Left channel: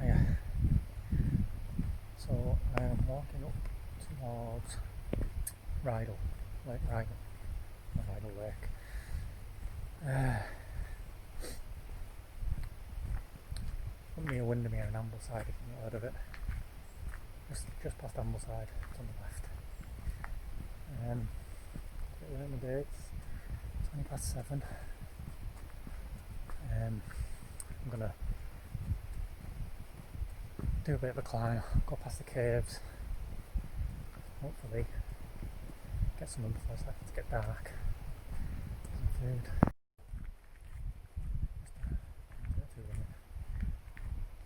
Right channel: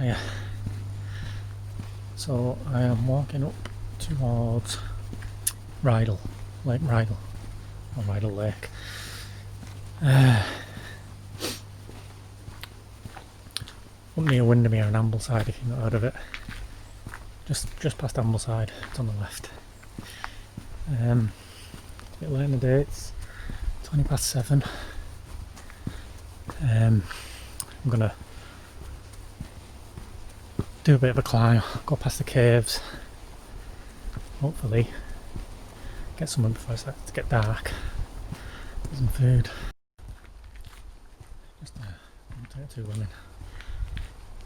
Yeah. So I am walking up towards Rydal, Lake Rydal, or Rydal Lake. Up near Windermere and Ambleside, if you've not heard of it. Just past Ambleside, it's on the left. It's a bit late in the day, it's 7:20. I'm gonna do a bit of a climb, go past the caves, hopefully get somewhere before it starts to get dark. Get some food. Just don't take too long in. I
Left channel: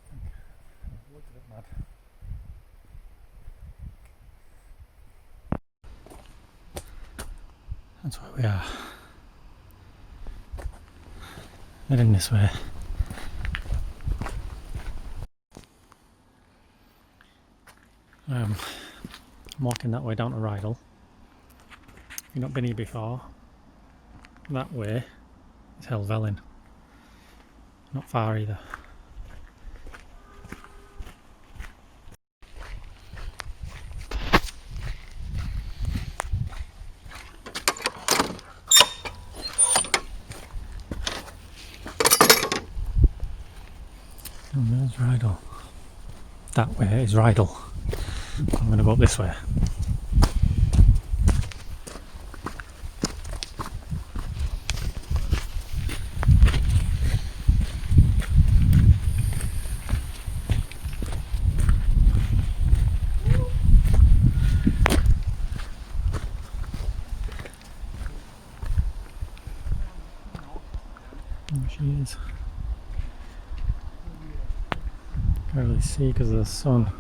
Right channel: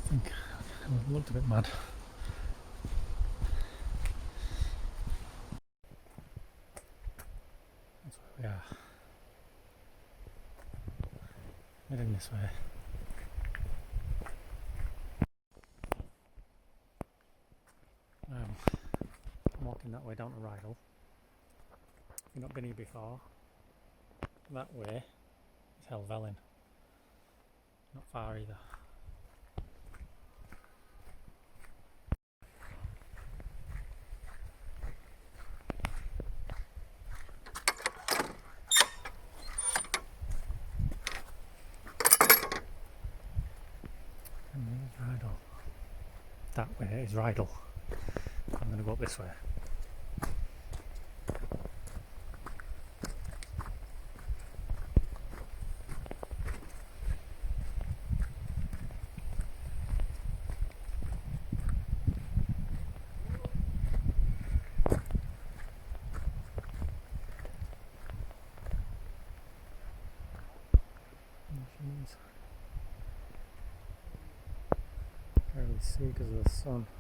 think I looked a bit mad. That's where we are. Heading this way. I'm walking that way down to Rydal. If you've not been here before, that way is Helvellyn. Not far either. And there's Rydal. That way is Rydal. I'm going to go up this way. There she is. Can't really see because of the sun.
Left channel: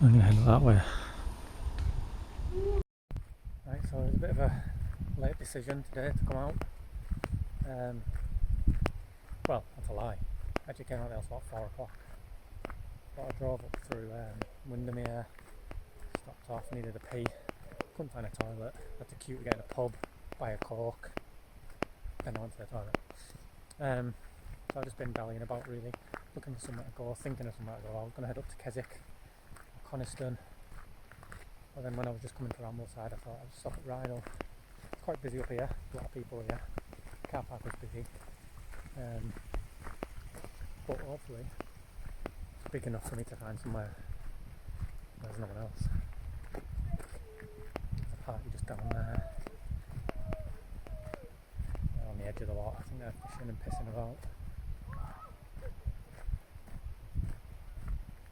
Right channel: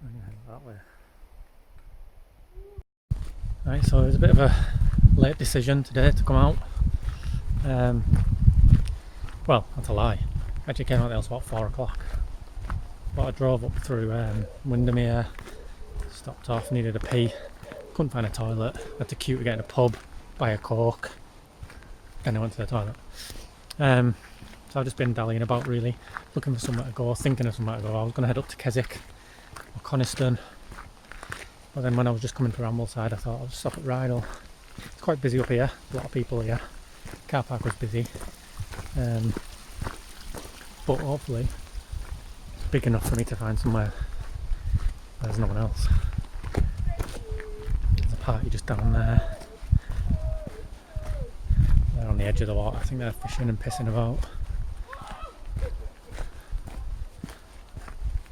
I'm going to head that way. Right, so it was a bit of a late decision today to come out. Well, that's a lie. I actually came out the house about 4 o'clock. But I drove up through Windermere, stopped off, needed a pee, couldn't find a toilet, had to queue to get in a pub, buy a Coke, then I went to the toilet. So I've just been dallying about really, looking for somewhere to go, thinking of somewhere to go. I was going to head up to Keswick or Coniston, but then when I was just coming through Ambleside I thought I'll just stop at Rydal. It's quite busy up here, a lot of people here, car park was busy, but hopefully it's big enough for me to find somewhere where there's no one else. There's a party just down there. They're on the edge of the water, I think they're fishing and pissing about.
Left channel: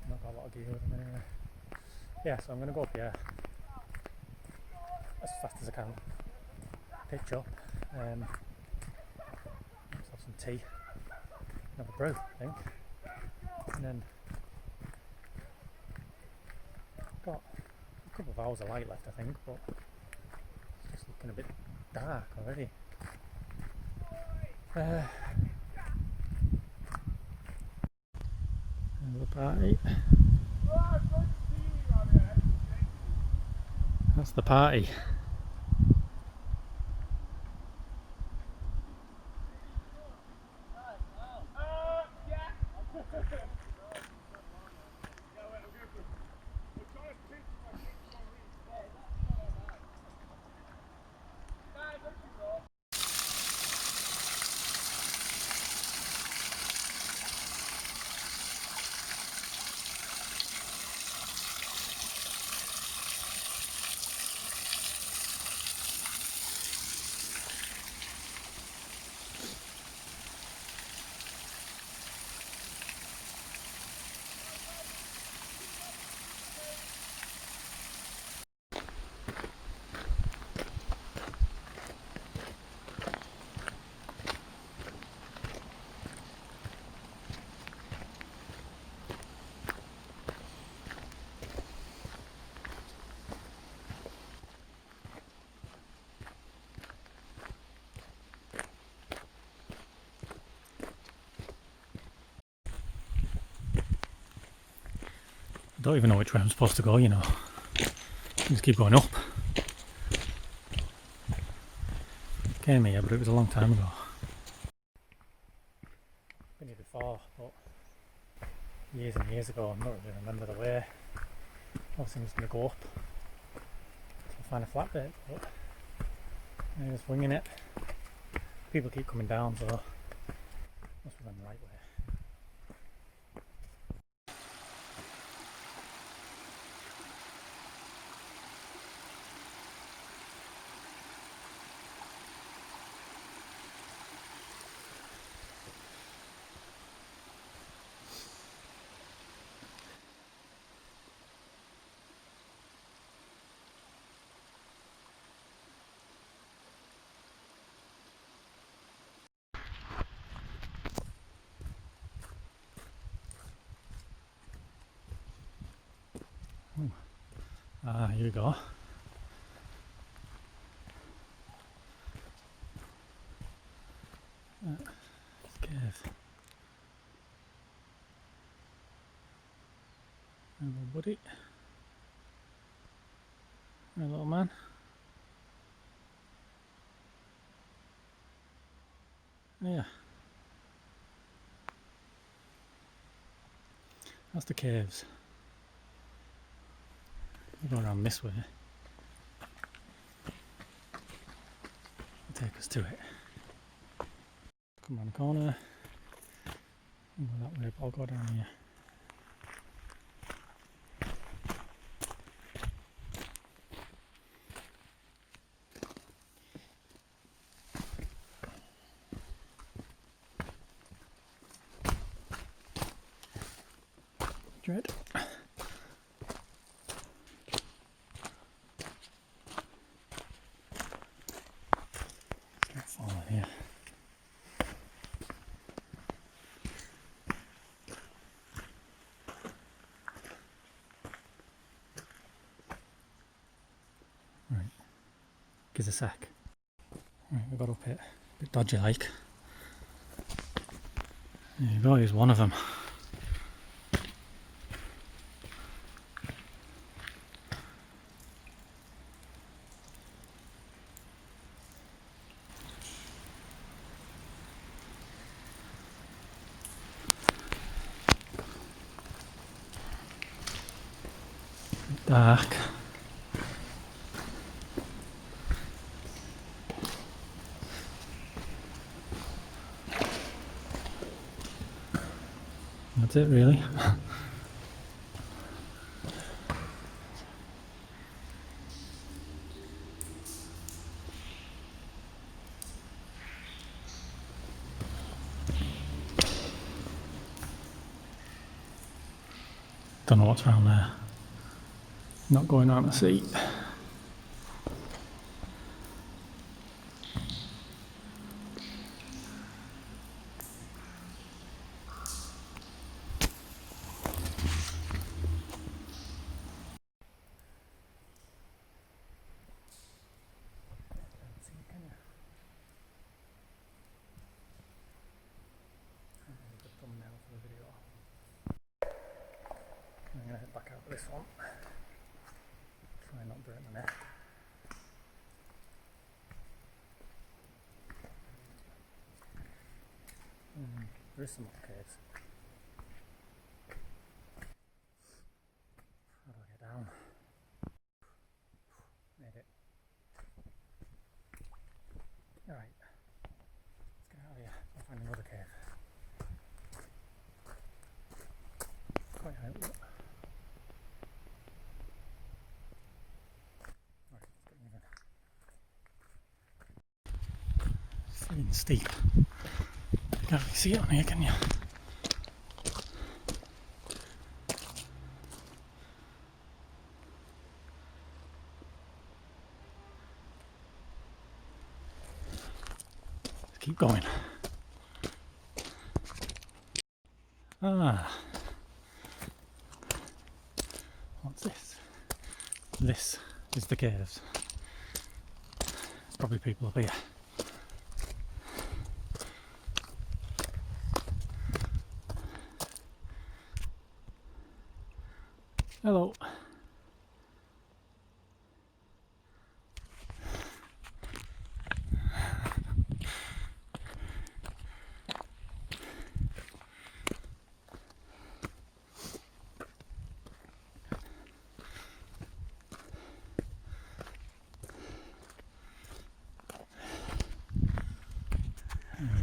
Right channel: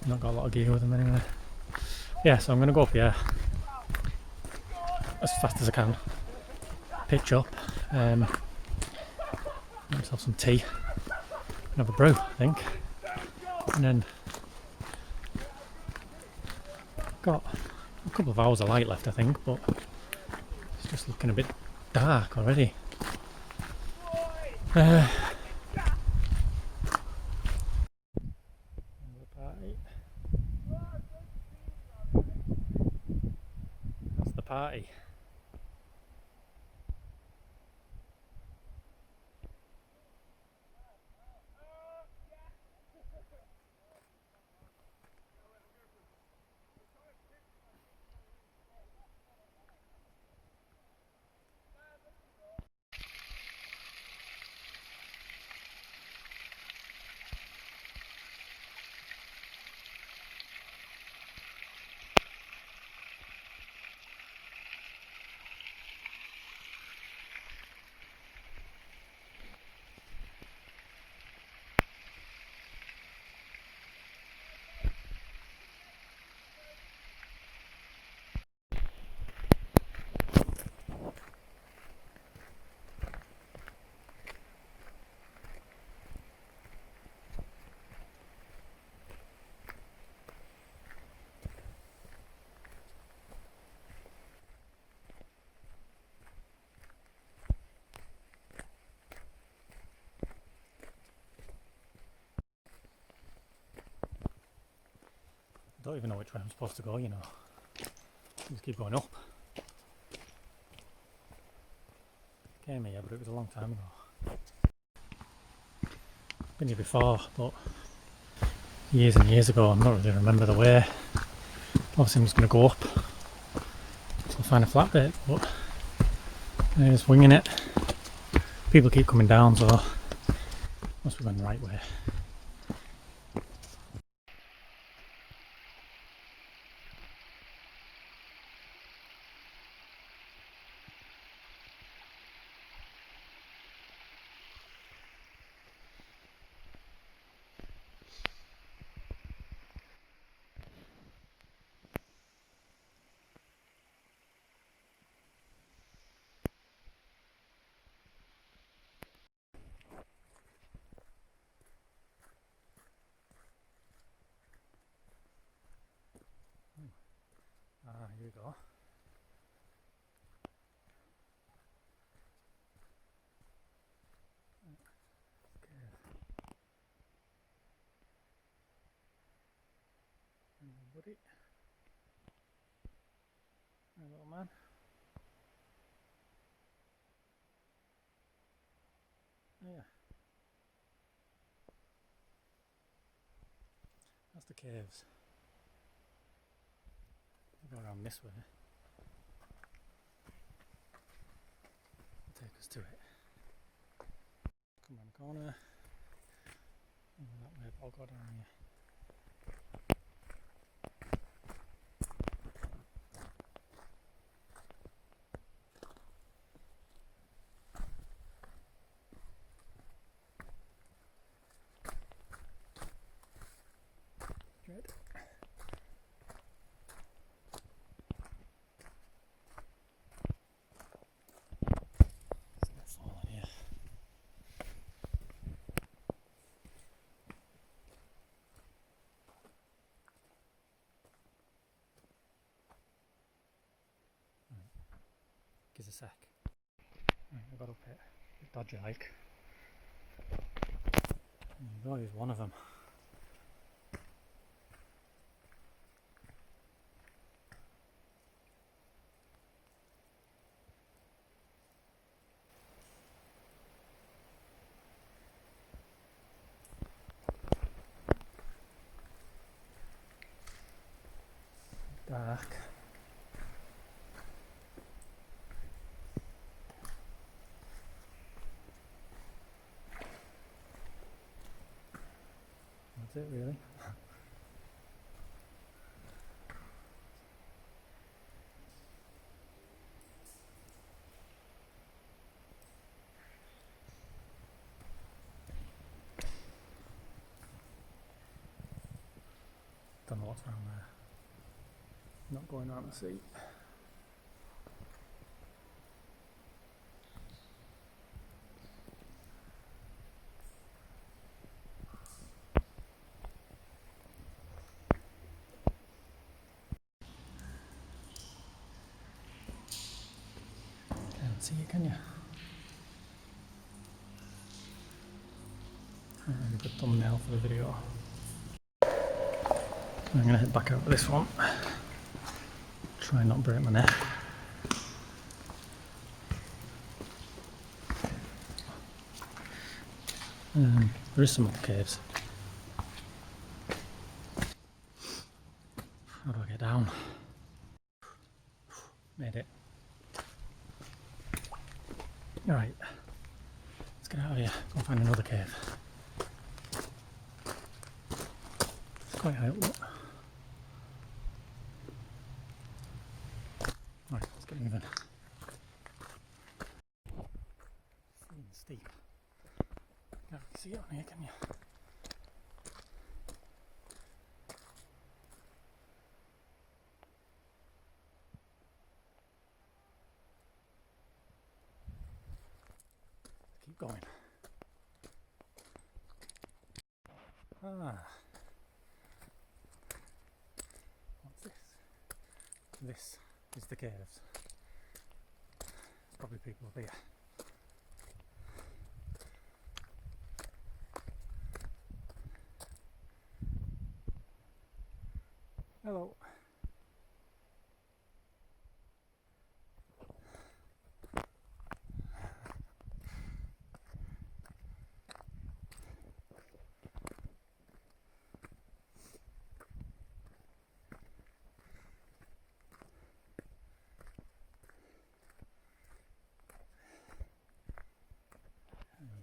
Not got a lot of gear with them anyway. Yeah, so I'm going to go up here as fast as I can, pitch up, get myself some tea and have a brew, I think, and then got a couple of hours of light left I think, but it's just looking a bit dark already. There's the party. That's the party. don't even know which way I'm supposed to go, you know. Just keep going up. Came here, but it was a long time ago. Been here before, but years and years ago. I don't really remember the way. Obviously I'm just going to go up. So I'll find a flat bit, but I'm just winging it. People keep coming down, so must be going the right way. Ah, here we go. Cave. Hello, buddy. Hey, little man. Yeah. That's the caves. We'll go around this way. Take us to it. Come around the corner. I'll go that way, but I'll go down here. Dread. Start falling here. Right, gives a sec. Right, we got up it. A bit dodgy like. There you go, here's one of them. Dark. That's it really. Don't know what's around there. Not going out to see. Can't see it, can you? A good thumbnail for the video. I'm going to head back out with this one. Try and not break my neck. There is some other caves. How do I get down? Made it. Alright, let's get out of here, go find another cave. It's quite high up, look. Right, let's get moving. It's freaking steep. You can't really see it on here, can you? Let's keep going. Ah. What's this? This is the caves. There's probably people up here.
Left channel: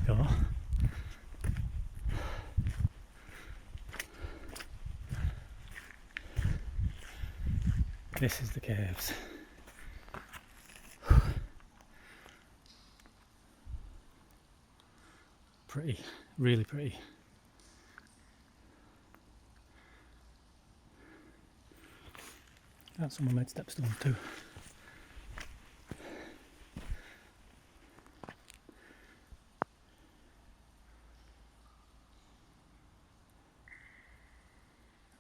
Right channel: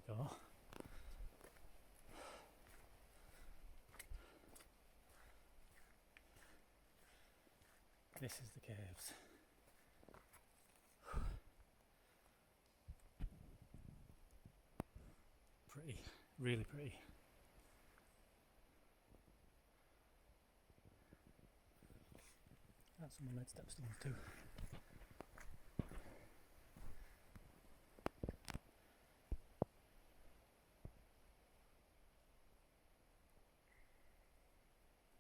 go. This is the caves. Pretty, really pretty. And someone made stepstones too.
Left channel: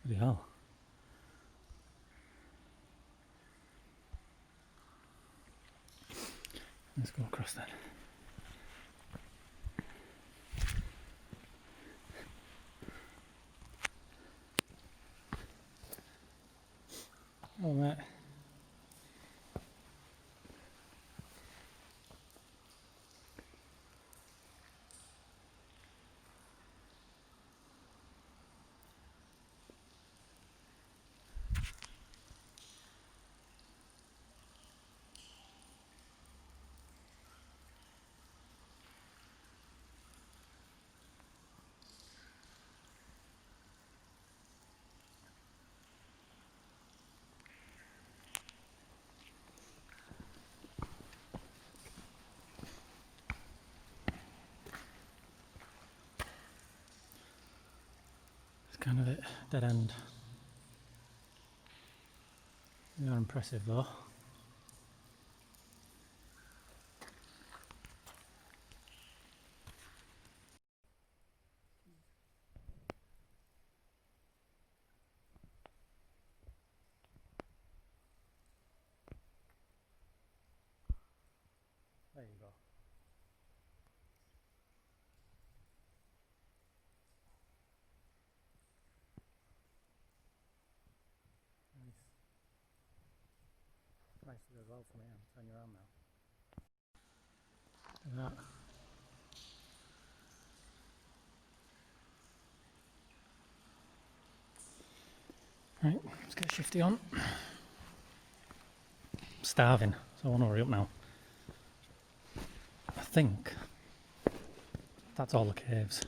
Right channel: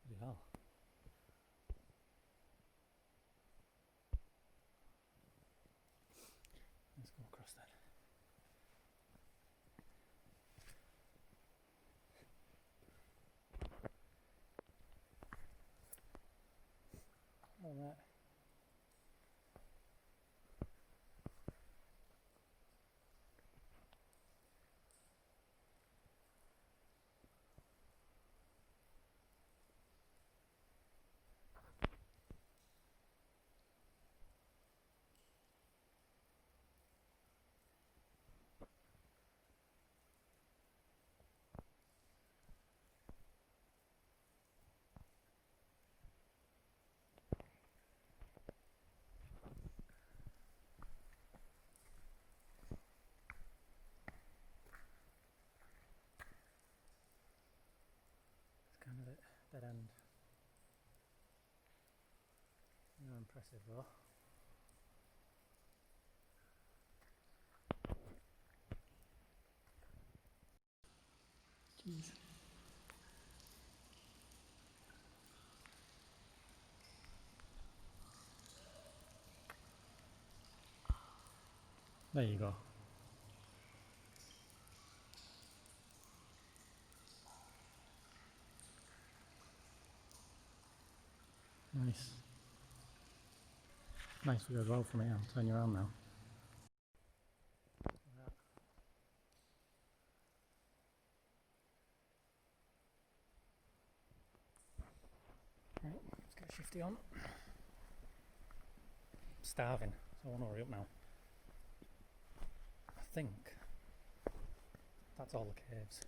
Bloody hell. Let's go across that. Oh, mate. Kind of it, dead end. They are impressive though. Jeez. There you go. Nice. Nice view as well from here. I'll turn you around now. Look at that. Right, let's get shifty on. I'm starving, so I want to hurry up now. I think that's all the caves.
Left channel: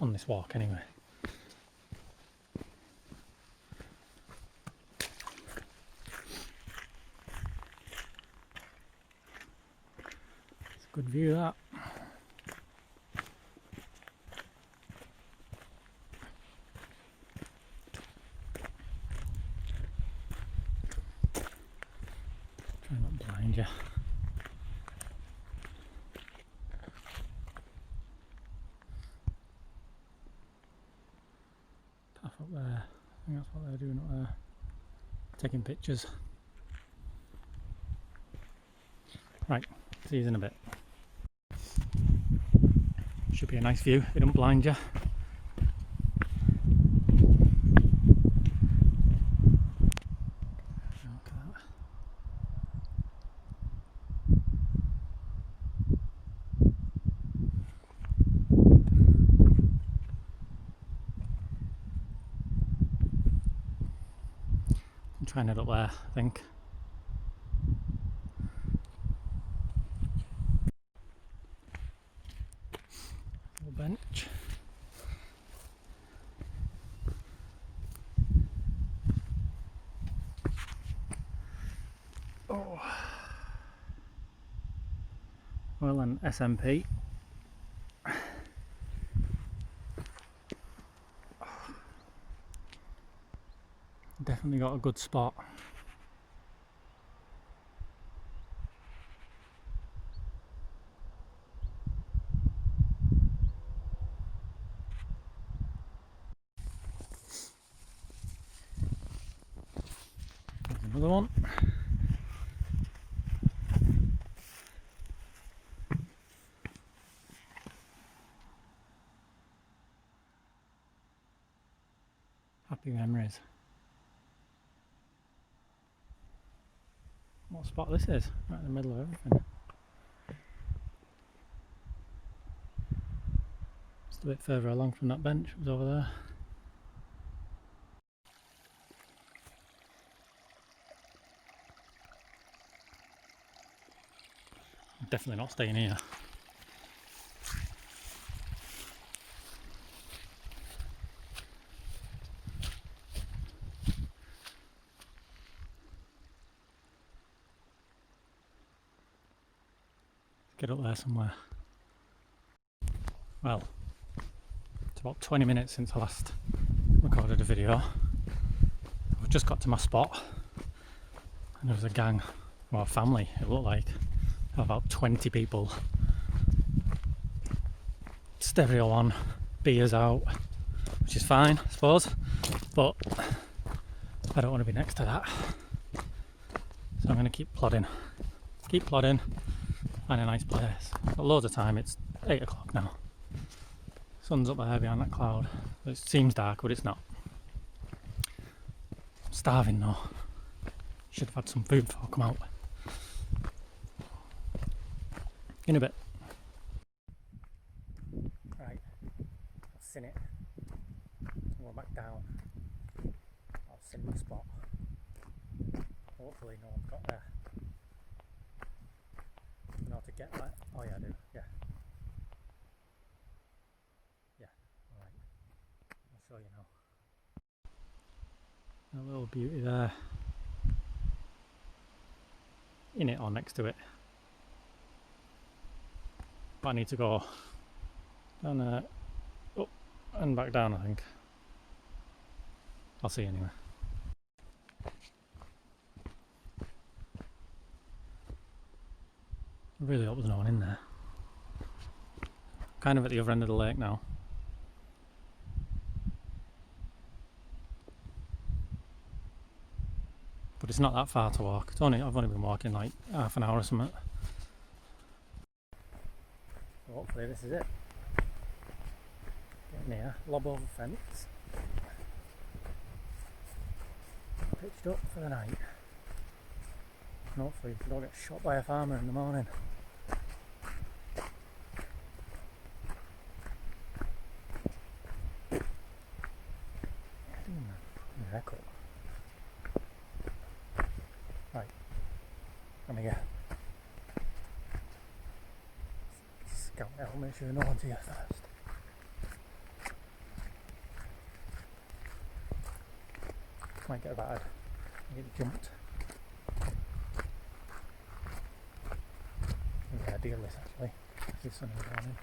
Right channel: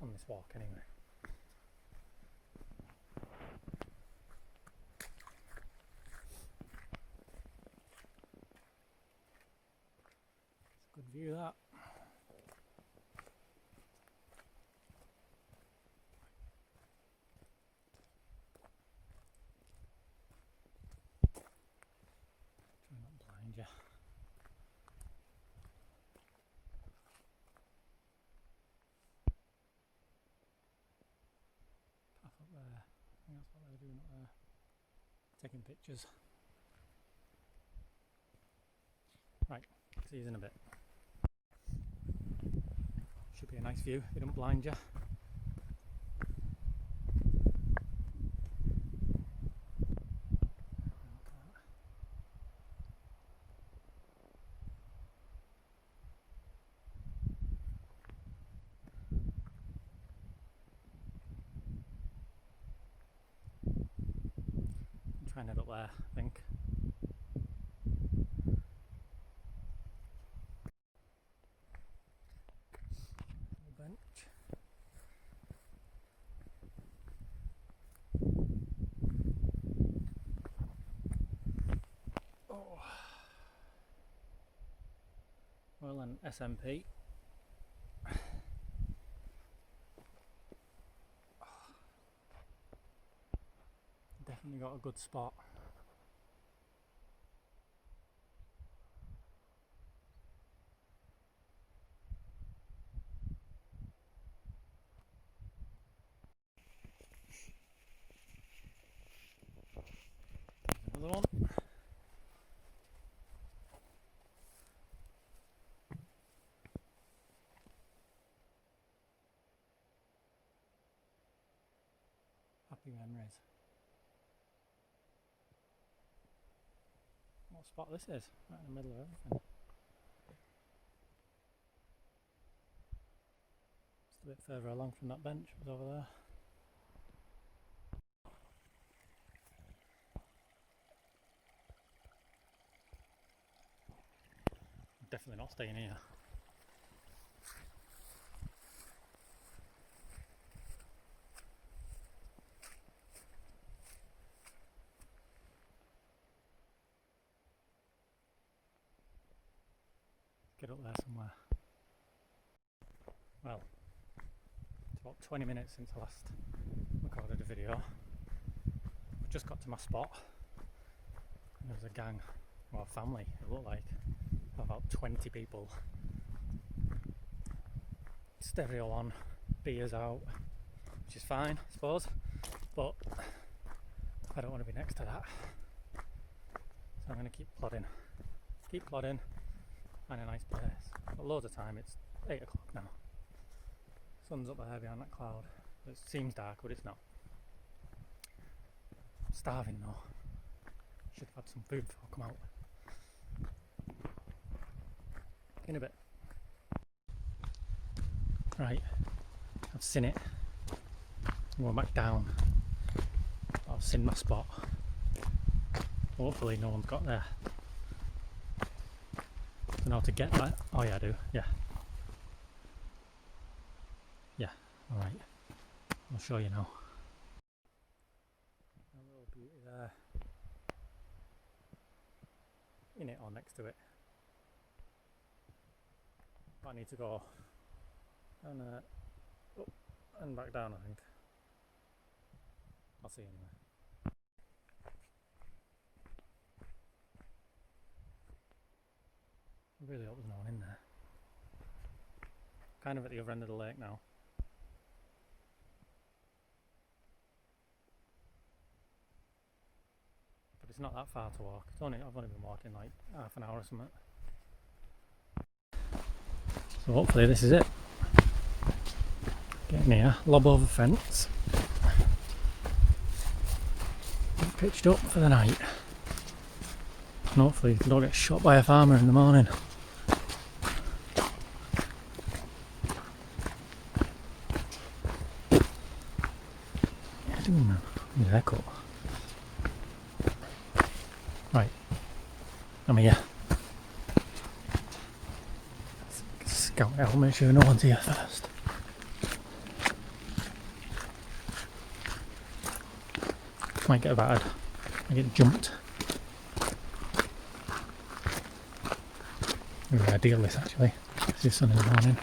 On this walk anyway. It's a good view that. Try not to blind you. Path up there. I think that's what they're doing up there. Taking pictures. Right, see you in a bit. Should be a nice view if it don't blind you. Look at that. I'm trying it up there, I think. Little bench. Oh. Well, an SMP. Definitely got a good spot. There's another one. Happy memories. What spot this is? Right in the middle of everything. Just a bit further along from that bench, it was over there. definitely not staying here. Get up there somewhere. Well, it's about 20 minutes since I last recorded a video. I've just got to my spot and there was a gang, well, a family it looked like, of about 20 people. Stereo on, beers out, which is fine I suppose, but I don't want to be next to that. So I'm going to keep plodding, find a nice place. Got loads of time, it's 8 o'clock now. Sun's up there behind that cloud. It seems dark, but it's not. I'm starving though. Should have had some food before I come out. In a bit. Right, I've seen it. I'm going back down. I've seen my spot. Hopefully no one's got there. I don't know how to get that. Oh yeah, I do. Yeah. Yeah, alright. I'll show you now. That little beauty there. In it or next to it. But I need to go down there, up and back down, I think. I'll see you anyway. I really hope there's no one in there. Kind of at the other end of the lake now. But it's not that far to walk. I've only been walking like half an hour or something. So hopefully this is it. Getting here, lob over fence. Pitched up for the night. And hopefully don't get shot by a farmer in the morning. What are you doing, man? Your haircut. Right, I'm here. Scout out, make sure no one's here first. Might get battered, might get jumped. Maybe ideal this actually, it's the sun in the morning.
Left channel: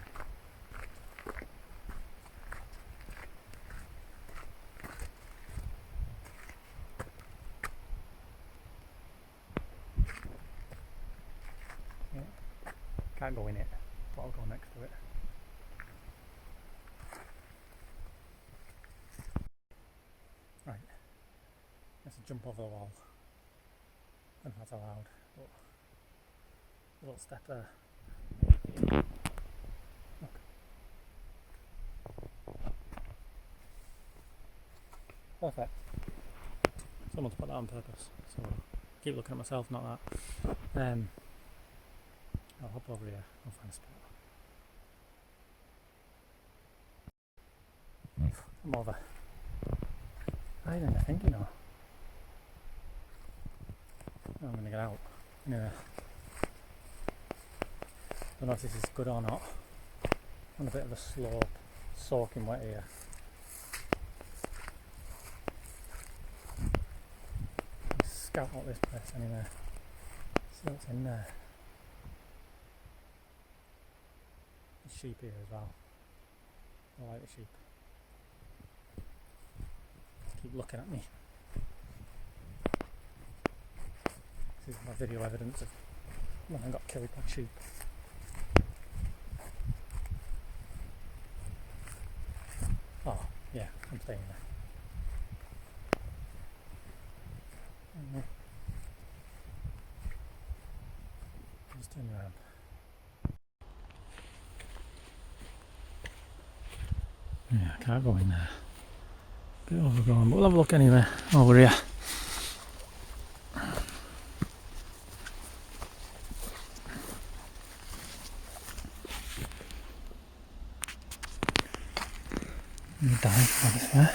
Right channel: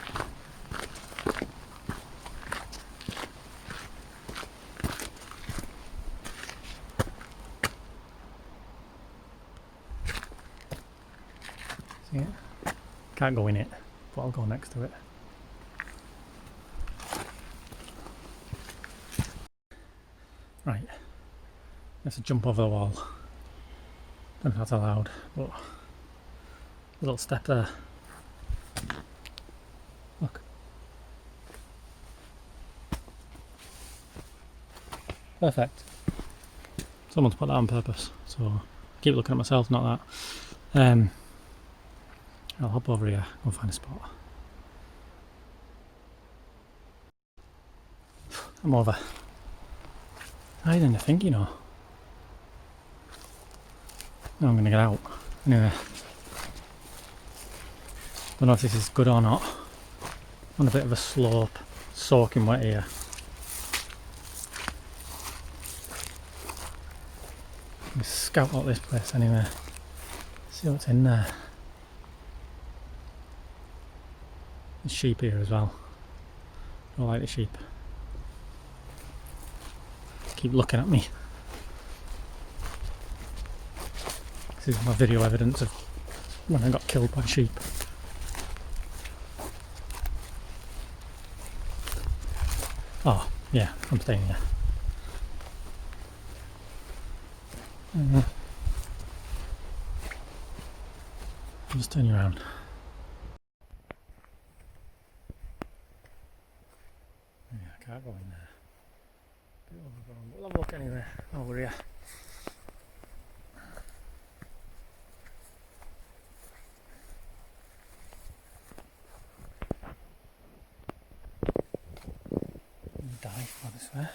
See it? Can't go in it, but I'll go next to it. Right, let's jump over the wall. Don't know if that's allowed, but a little step there. Look. Perfect. Someone's put that on purpose, so I keep looking at myself, not that. I'll hop over here, go find a spot. I'm over. Higher than you think, you know. Now I'm going to get out. Anyway. Don't know if this is good or not. On a bit of a slope, soaking wet here. Let's scout out this place anyway. See what's in there. There's sheep here as well. Don't like the sheep. Keep looking at me. This is my video evidence of when I got killed by sheep. Oh, yeah, I'm staying here. I'll just turn you around. Yeah, I can't go in there. Bit overgrown, but we'll have a look anyway over here. Dive over there.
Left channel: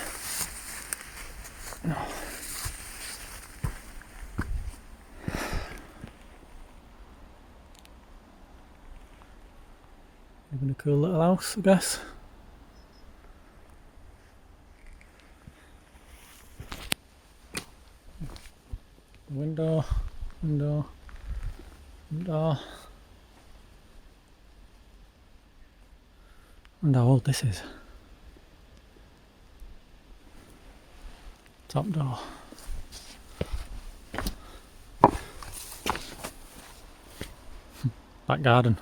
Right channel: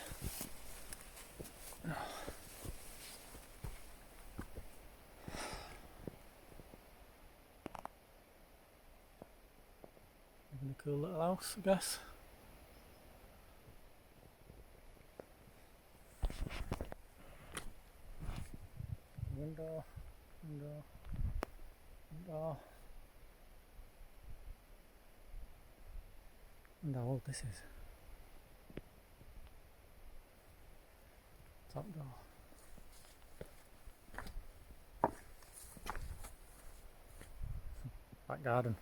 No. Even a cool little house, I guess. Window, window, window. Wonder how old this is. Top door. Back garden.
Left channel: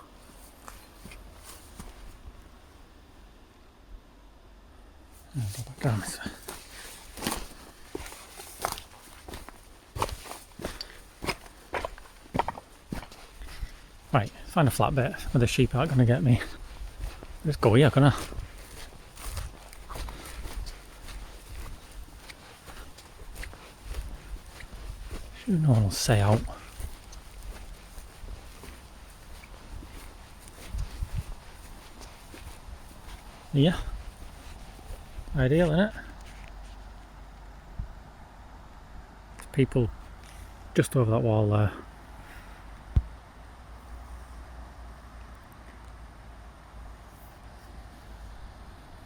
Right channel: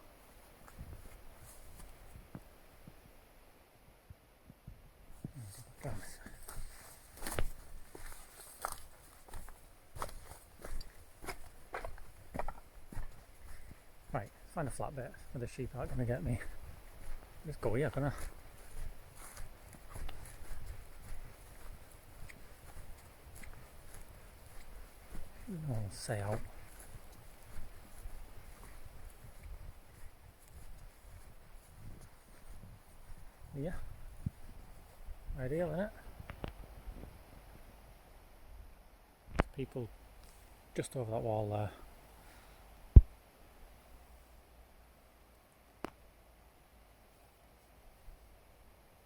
Back garden. Right, find a flat bit where the sheep aren't going to get me. Just go here, can I? Sure no one will say out. Yeah. Ideal, isn't it? People just over that wall there.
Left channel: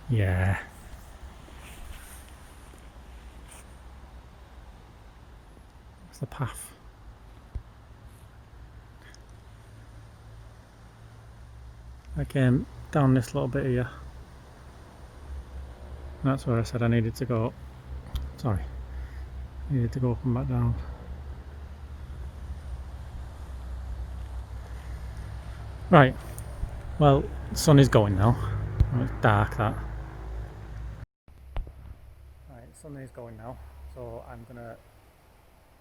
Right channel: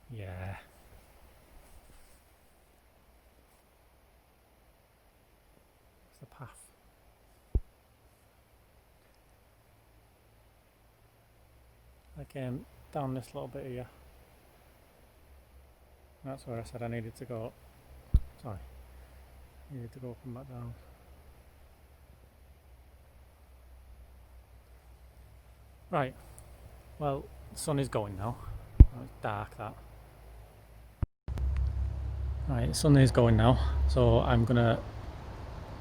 Yeah. That's the path. I came down this little bit here. That's where I said I needed to go. Sorry. Needed to go up and back down. Right. Well, the sun is going now. Oh, it's dark that. Right, the sun is going now. So I'm gonna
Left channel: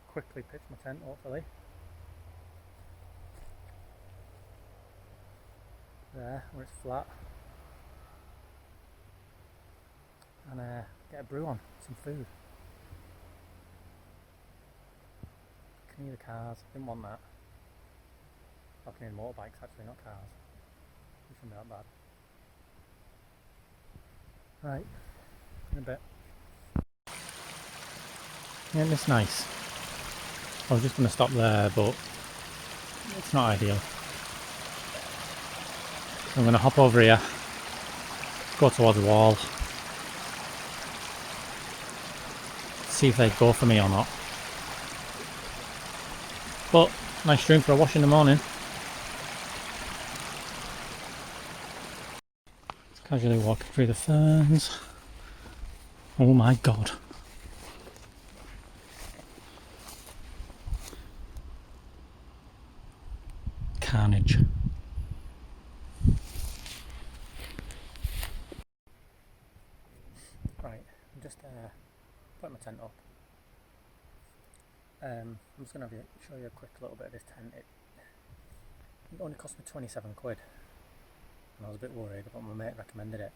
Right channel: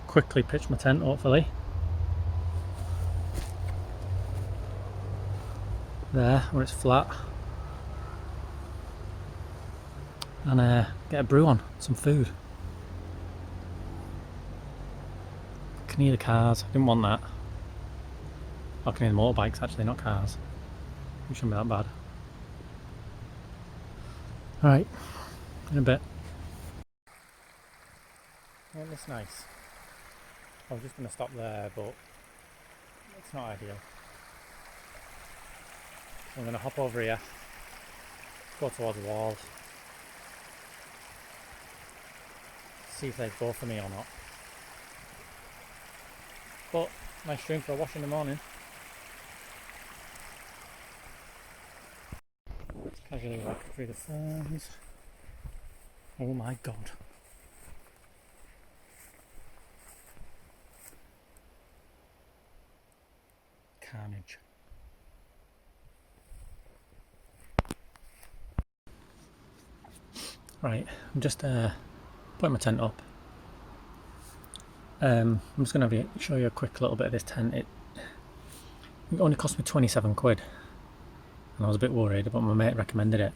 quickly pitch my tent, hopefully. There, where it's flat. And get a brew on, some food. Can hear the cars, I didn't want that. I can hear the motorbikes actually, not cars. It shouldn't be that bad. Right, in a bit. Isn't this nice? I was just going to stop there, but it's not ideal. So I'm going to hop over here, go towards the wall, see if they go for me or not. But nice stream for a wash in the morning. Just casually walking through the ferns. Oh my god. Carnage. Right, I'm just putting my tent up. I'm just going to show you a quick little bit of this tent. It only cost me 27 quid. And I was a bit worried, but my mate recommended it.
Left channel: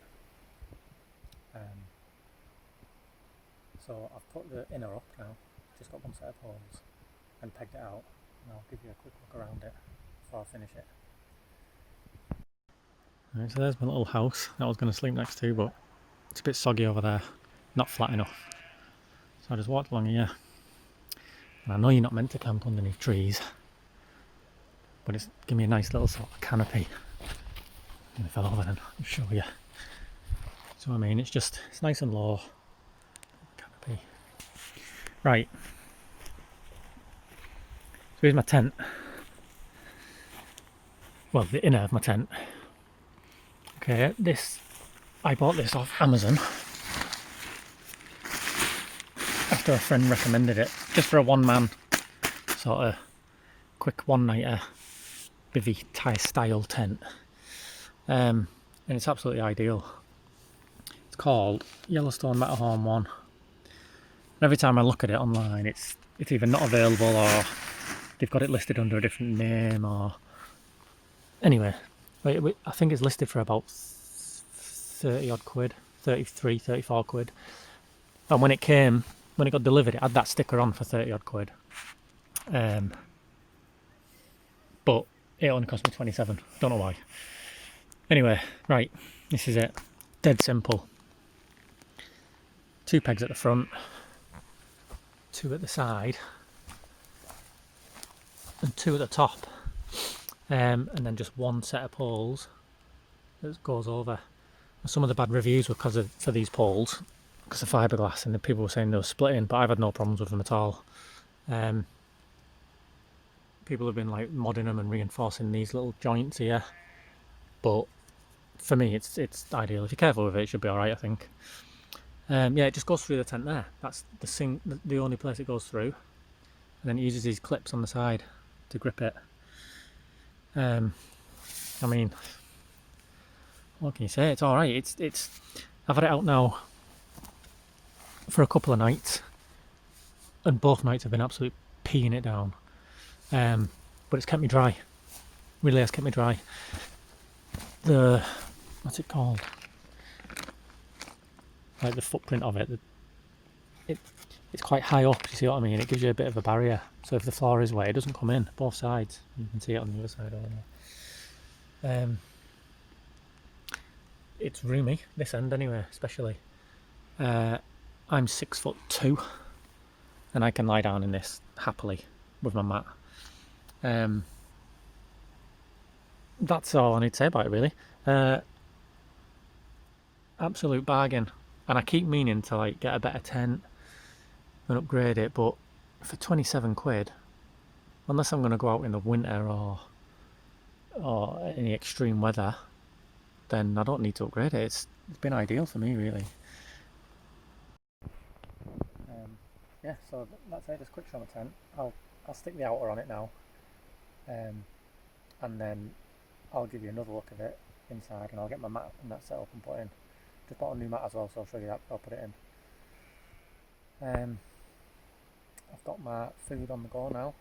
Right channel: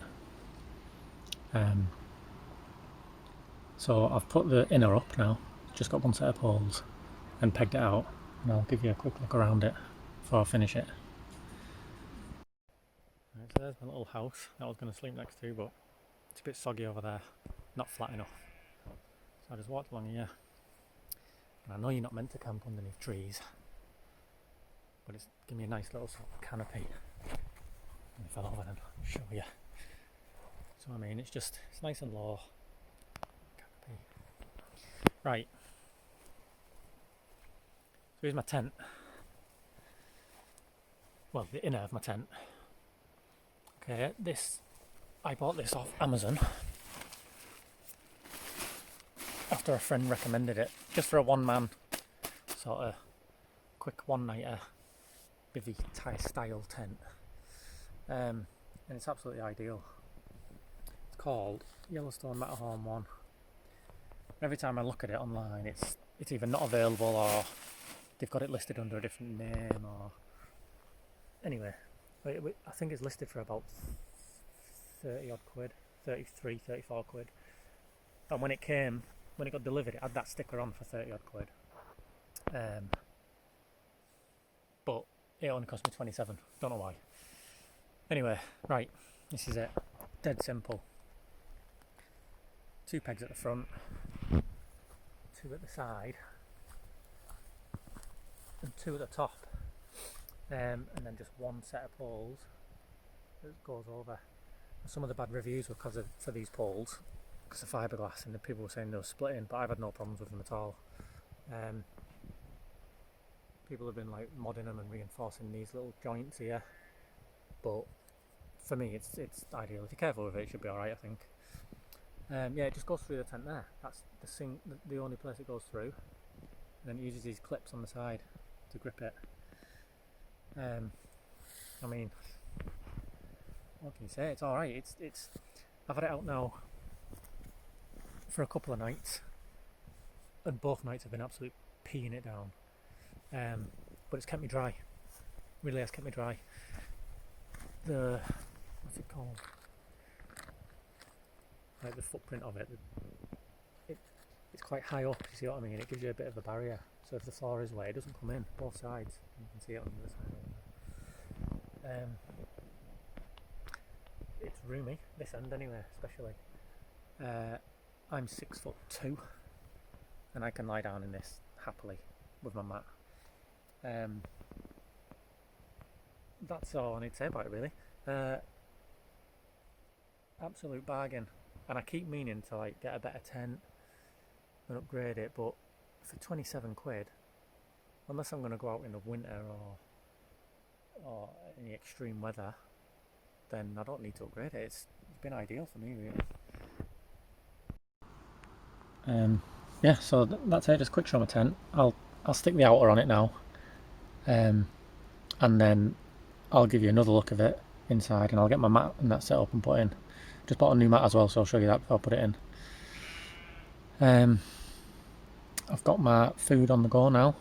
So I've put the inner up now. Just got one set of poles and pegged it out. And I'll give you a quick look around it before I finish it. Right, so there's my little house that I was going to sleep next to, but it's a bit soggy over there. Not flat enough. So I just walked along here. And I know you're not meant to camp underneath trees, but it's given me a nice little sort of canopy. And I fell over then, I'll show you. So I mean, it's nice and low. Canopy. Right. So here's my tent. Well, the inner of my tent. Okay, I bought this off Amazon. After a friend recommended it, just for a one-man sort of quick one-nighter bivvy style tent, and it's absolutely ideal. It's called Yellowstone Matterhorn 1. And every time I look at it online, it's either not available or they've got it listed under a different name. Or anyway, I think it's listed for about 30 odd quid, 33, 34 quid. And when it got delivered, it had that sticker on for 30 odd quid. But it only cost me 27. Don't know why. Anyway, right, this is it. Dead simple. 2 pegs at the front, 2 at the side, and 2 at the top. And then just 1 set of poles that goes over. Some of the bad reviews were for these poles, because of fiberglass, and the people were saying they were splitting, but I've had no problems with them at all. People have been like modding them and reinforcing these little joints here, but for me it's ideal. If you're careful with it, it should be alright, I think. Yeah, it just goes through the tent there. That's the only place it goes through, and then it uses these clips on the side to grip it. I mean, what can you say? It's alright. It's I've had it out now for a couple of nights, and both nights have been absolutely peeing it down. But it's kept me dry. Really has kept me dry. What's it called? Like the footprint of it. It's quite high up. You see what I mean? It gives you a bit of a barrier. So if the floor is wet, it doesn't come in both sides. You can see it on the other side over there. It's roomy, this end anyway, especially. I'm 6'2", and I can lie down in this happily with my mat. That's all I need to say about it, really. Absolute bargain, and I keep meaning to like get a better tent and upgrade it, but for 27 quid, unless I'm going to go out in the winter or any extreme weather, then I don't need to upgrade it. It's been ideal for me, really. Yeah, so that's it. Just quick show of my tent. I'll stick the outer on it now, and then I'll give you another look of it inside, and I'll get my mat and that set up and put in. Just bought a new mat as well, so I'll show you that before I put it in. I've got my food on the go now.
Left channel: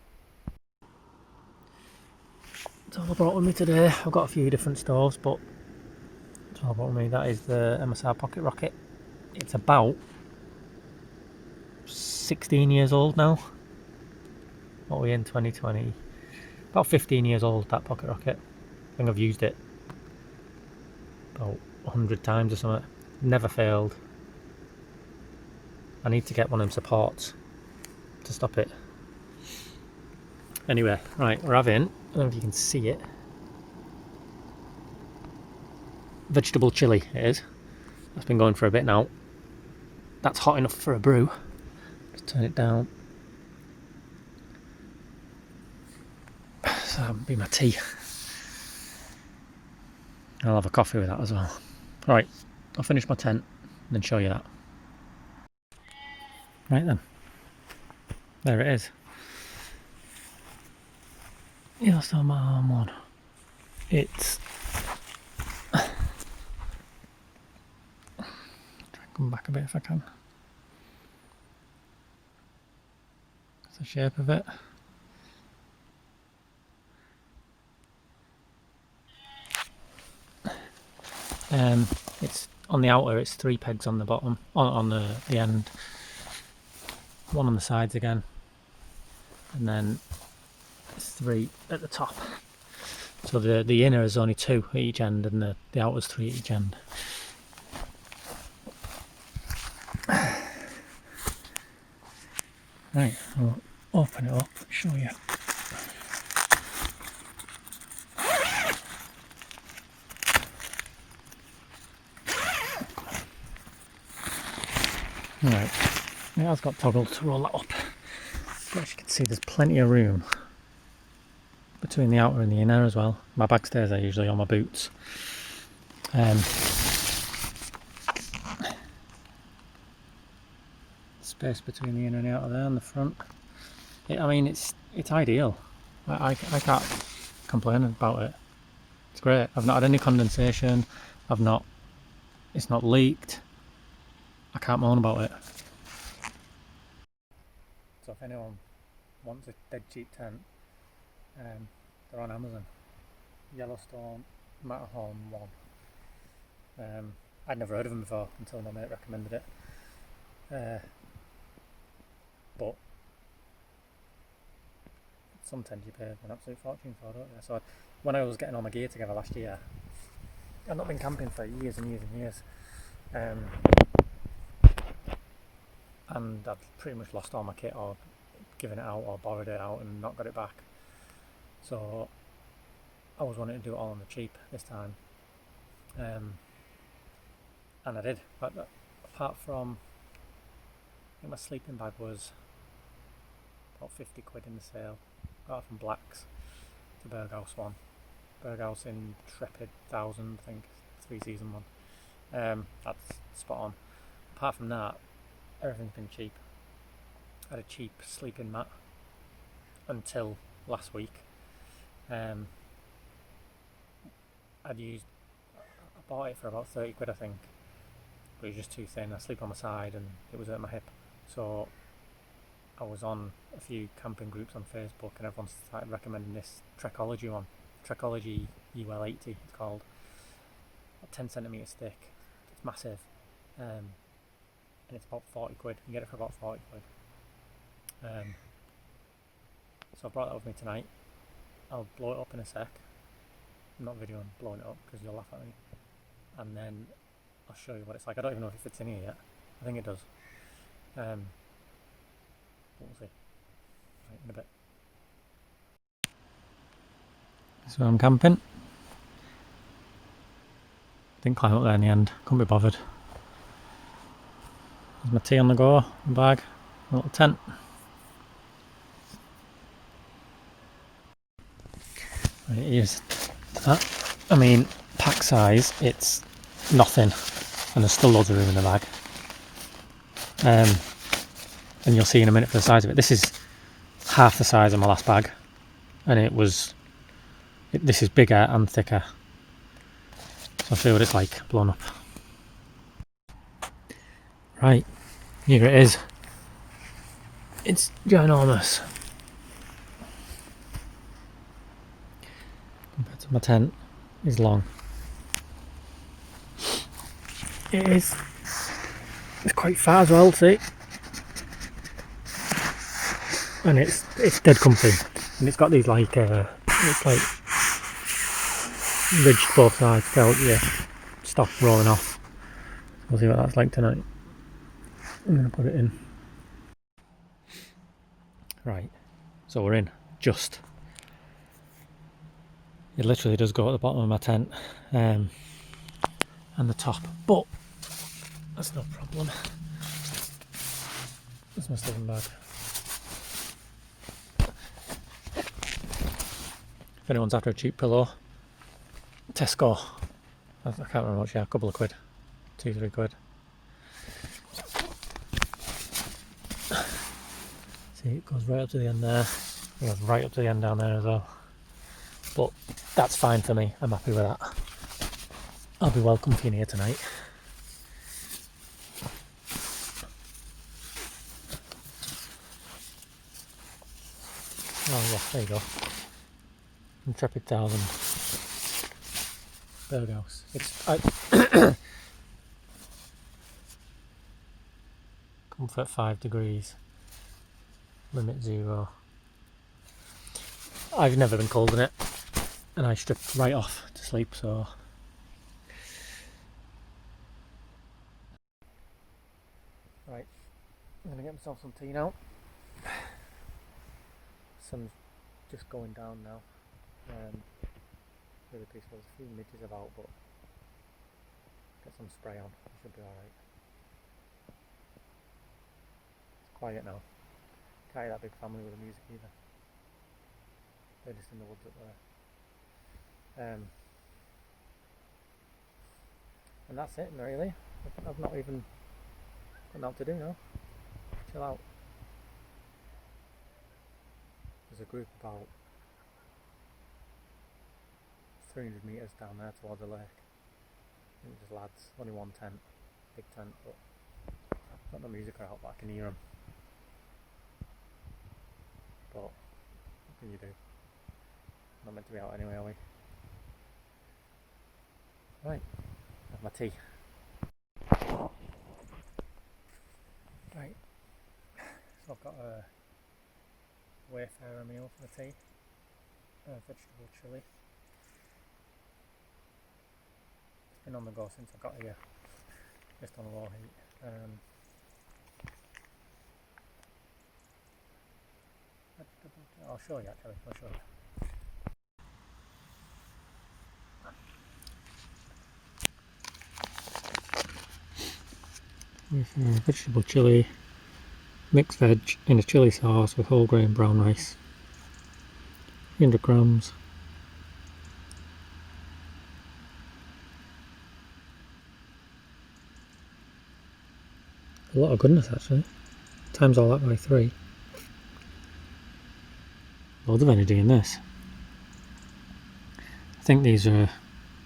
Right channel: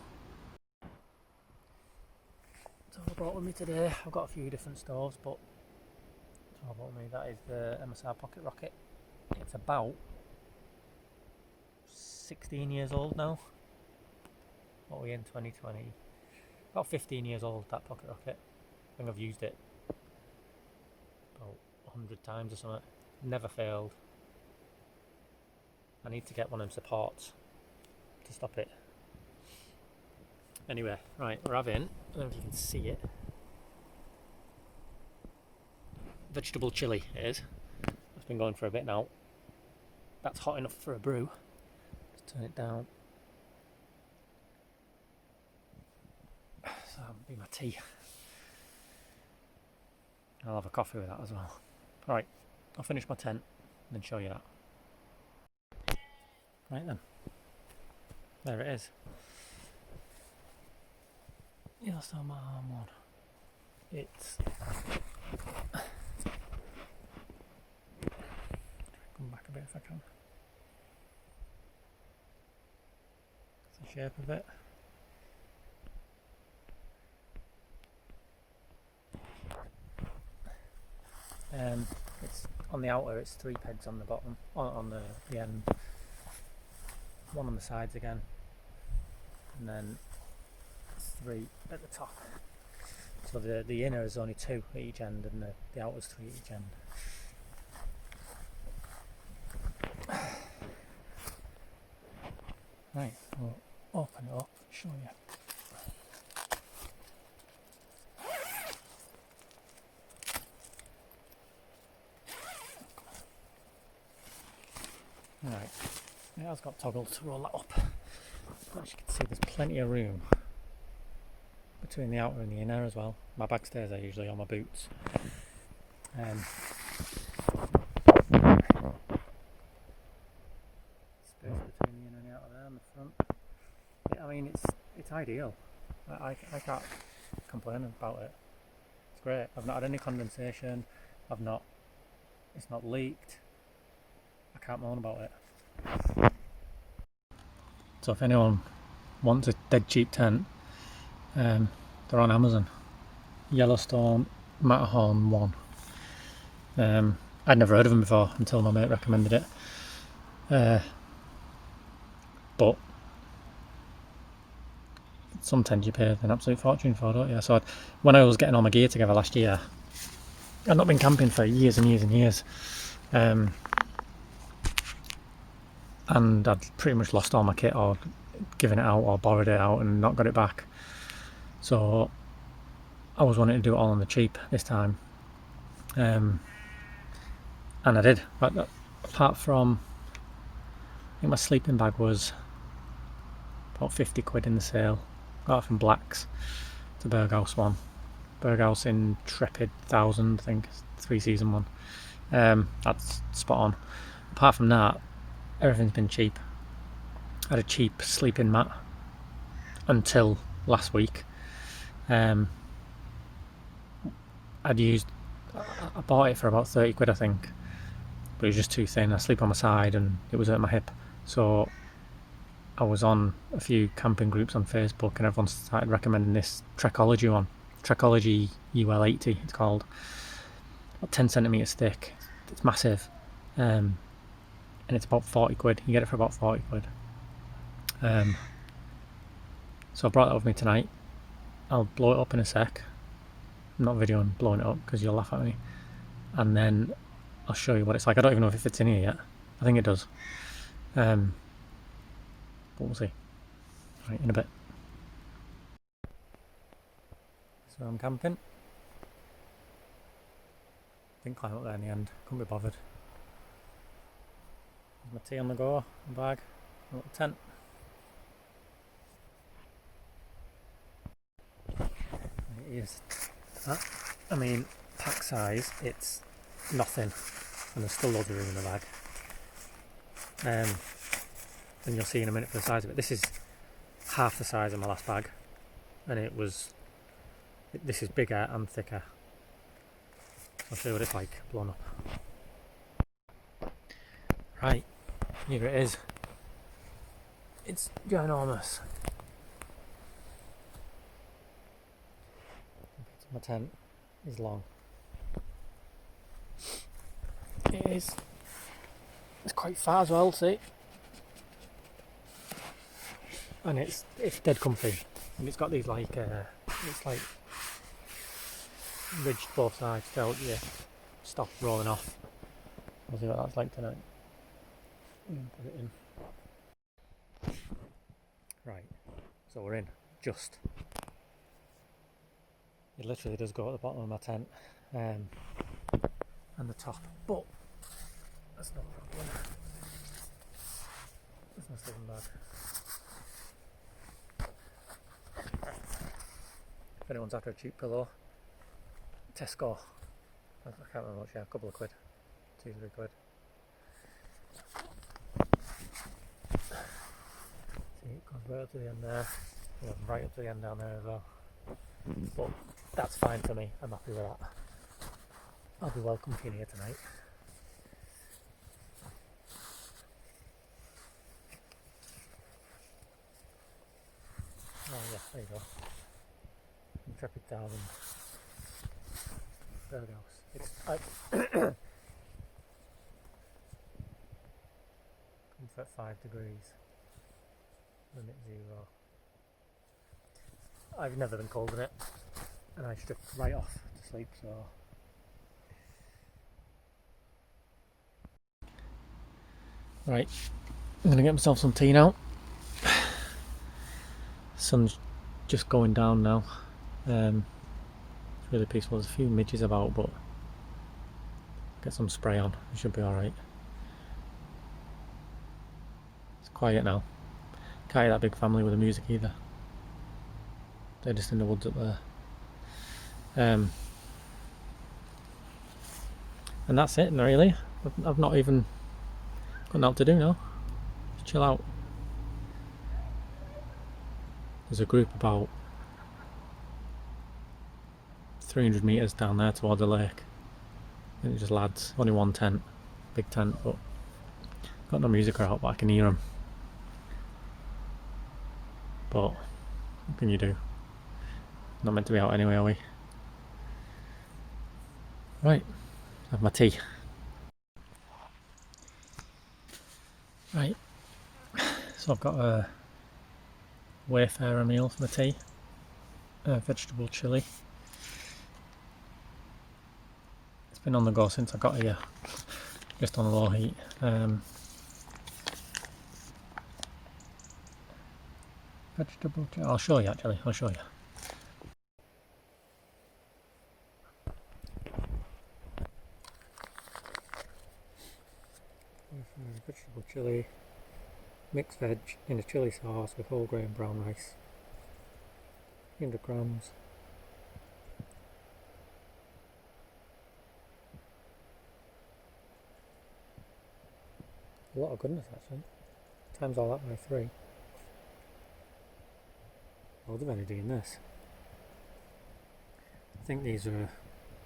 That's all I brought with me today. I've got a few different stoves, but that's all I brought with me. That is the MSR Pocket Rocket. It's about 16 years old now. What are we in, 2020? About 15 years old, that Pocket Rocket. I think I've used it about 100 times or something. Never failed. I need to get one of them supports to stop it. Anyway, right, we're having, I don't know if you can see it, vegetable chili it is. That's been going for a bit now. That's hot enough for a brew. Just turn it down. So that'll be my tea. I'll have a coffee with that as well. Right, I'll finish my tent and then show you that. Right then, there it is. Yeah, still my arm on. It's try and come back a bit if I can. That's the shape of it. It's on the outer, it's 3 pegs on the bottom, on the end, one on the sides again, and then it's 3 at the top. So the inner is only 2 at each end, and the outer's 3 at each end. Right, I'll open it up, show you. Right, it has got toggles to roll that up, but as you can see there's plenty of room between the outer and the inner as well. My bag stays there usually on my boots. Space between the inner and the outer there on the front. I mean it's ideal. I can't complain about it. It's great. I've not had any condensation. It's not leaked. I can't moan about it. So if anyone wants a dead cheap tent, they're on Amazon. Yellowstone Matterhorn 1. I'd never heard of them before until my mate recommended it. But some tents you pay an absolute fortune for, don't you? So when I was getting all my gear together last year, I'd not been camping for years and years and years. And I'd pretty much lost all my kit, or given it out, or borrowed it out and not got it back. So I was wanting to do it all on the cheap this time. And I did. But apart from, I think my sleeping bag was about 50 quid in the sale. Got it from Blacks, the Berghaus one. Berghaus Intrepid 1000, I think, 3-season one. That's spot on. Apart from that, everything's been cheap. I had a cheap sleeping mat until last week. I bought it for about 30 quid, I think, but it was just too thin. I sleep on my side and it was at my hip. So I was on a few camping groups on Facebook and everyone started recommending this Trekology one. Trekology UL80 it's called. About 10 centimetres thick. It's massive. And it's about 40 quid. You get it for about 40 quid. So I brought that with me tonight. I'll blow it up in a sec. I'm not videoing blowing it up because you'll laugh at me. And then I'll show you what it's like. I don't even know if it fits in here yet. I think it does. But we'll see. Right, in a bit. So I'm camping. Didn't climb up there in the end. Couldn't be bothered. There's my tea on the go, my bag, my little tent. Right, here's that. I mean, pack size, it's nothing, and there's still loads of room in the bag. And you'll see in a minute for the size of it. This is half the size of my last bag, and this is bigger and thicker. So I'll show you what it's like blown up. Right, here it is. It's ginormous. Compared to my tent, is long. It's quite fat as well, see? And it's dead comfy. And it's got these it's like ridged both sides to help you stop rolling off. We'll see what that's like tonight. I'm going to put it in. Right, so we're in. Just. It literally does go at the bottom of my tent and the top, but that's no problem. That's my sleeping bag. If anyone's after a cheap pillow, Tesco. I can't remember much, yeah, a couple of quid. 2-3 quid. See, it goes right up to the end there. It goes right up to the end down there as well. But that's fine for me. I'm happy with that. I'll be well comfy in here tonight. Oh yeah, there you go. Intrepid 1000. Berghaus. Comfort 5 degrees. Limit 0. I've never been cold in it, and I stripped right off to sleep, so right, I'm gonna get myself some tea now. Sun's just going down now. It's really peaceful. There's a few midges about, but get some spray on, it should be alright. It's quiet now. Can't hear that big family with the music either. They're just in the woods up there. And that's it really. I've not even got nothing to do now. Just chill out. There's a group about 300 metres down there towards the lake. I think it's just lads, only one tent, big tent, but got no music out, but I can hear them. But what can you do? Not meant to be out anyway, are we? Right, have my tea. Right, so I've got a Wayfarer meal for my tea, vegetable chilli. It's been on the go since I got here, just on low heat. Vegetable chilli, I'll show you actually, I'll show you. with vegetable chilli, mixed veg in a chilli sauce with whole grain brown rice. 300 grams. A lot of goodness actually. Times all that by 3. Loads of energy in this. I think these are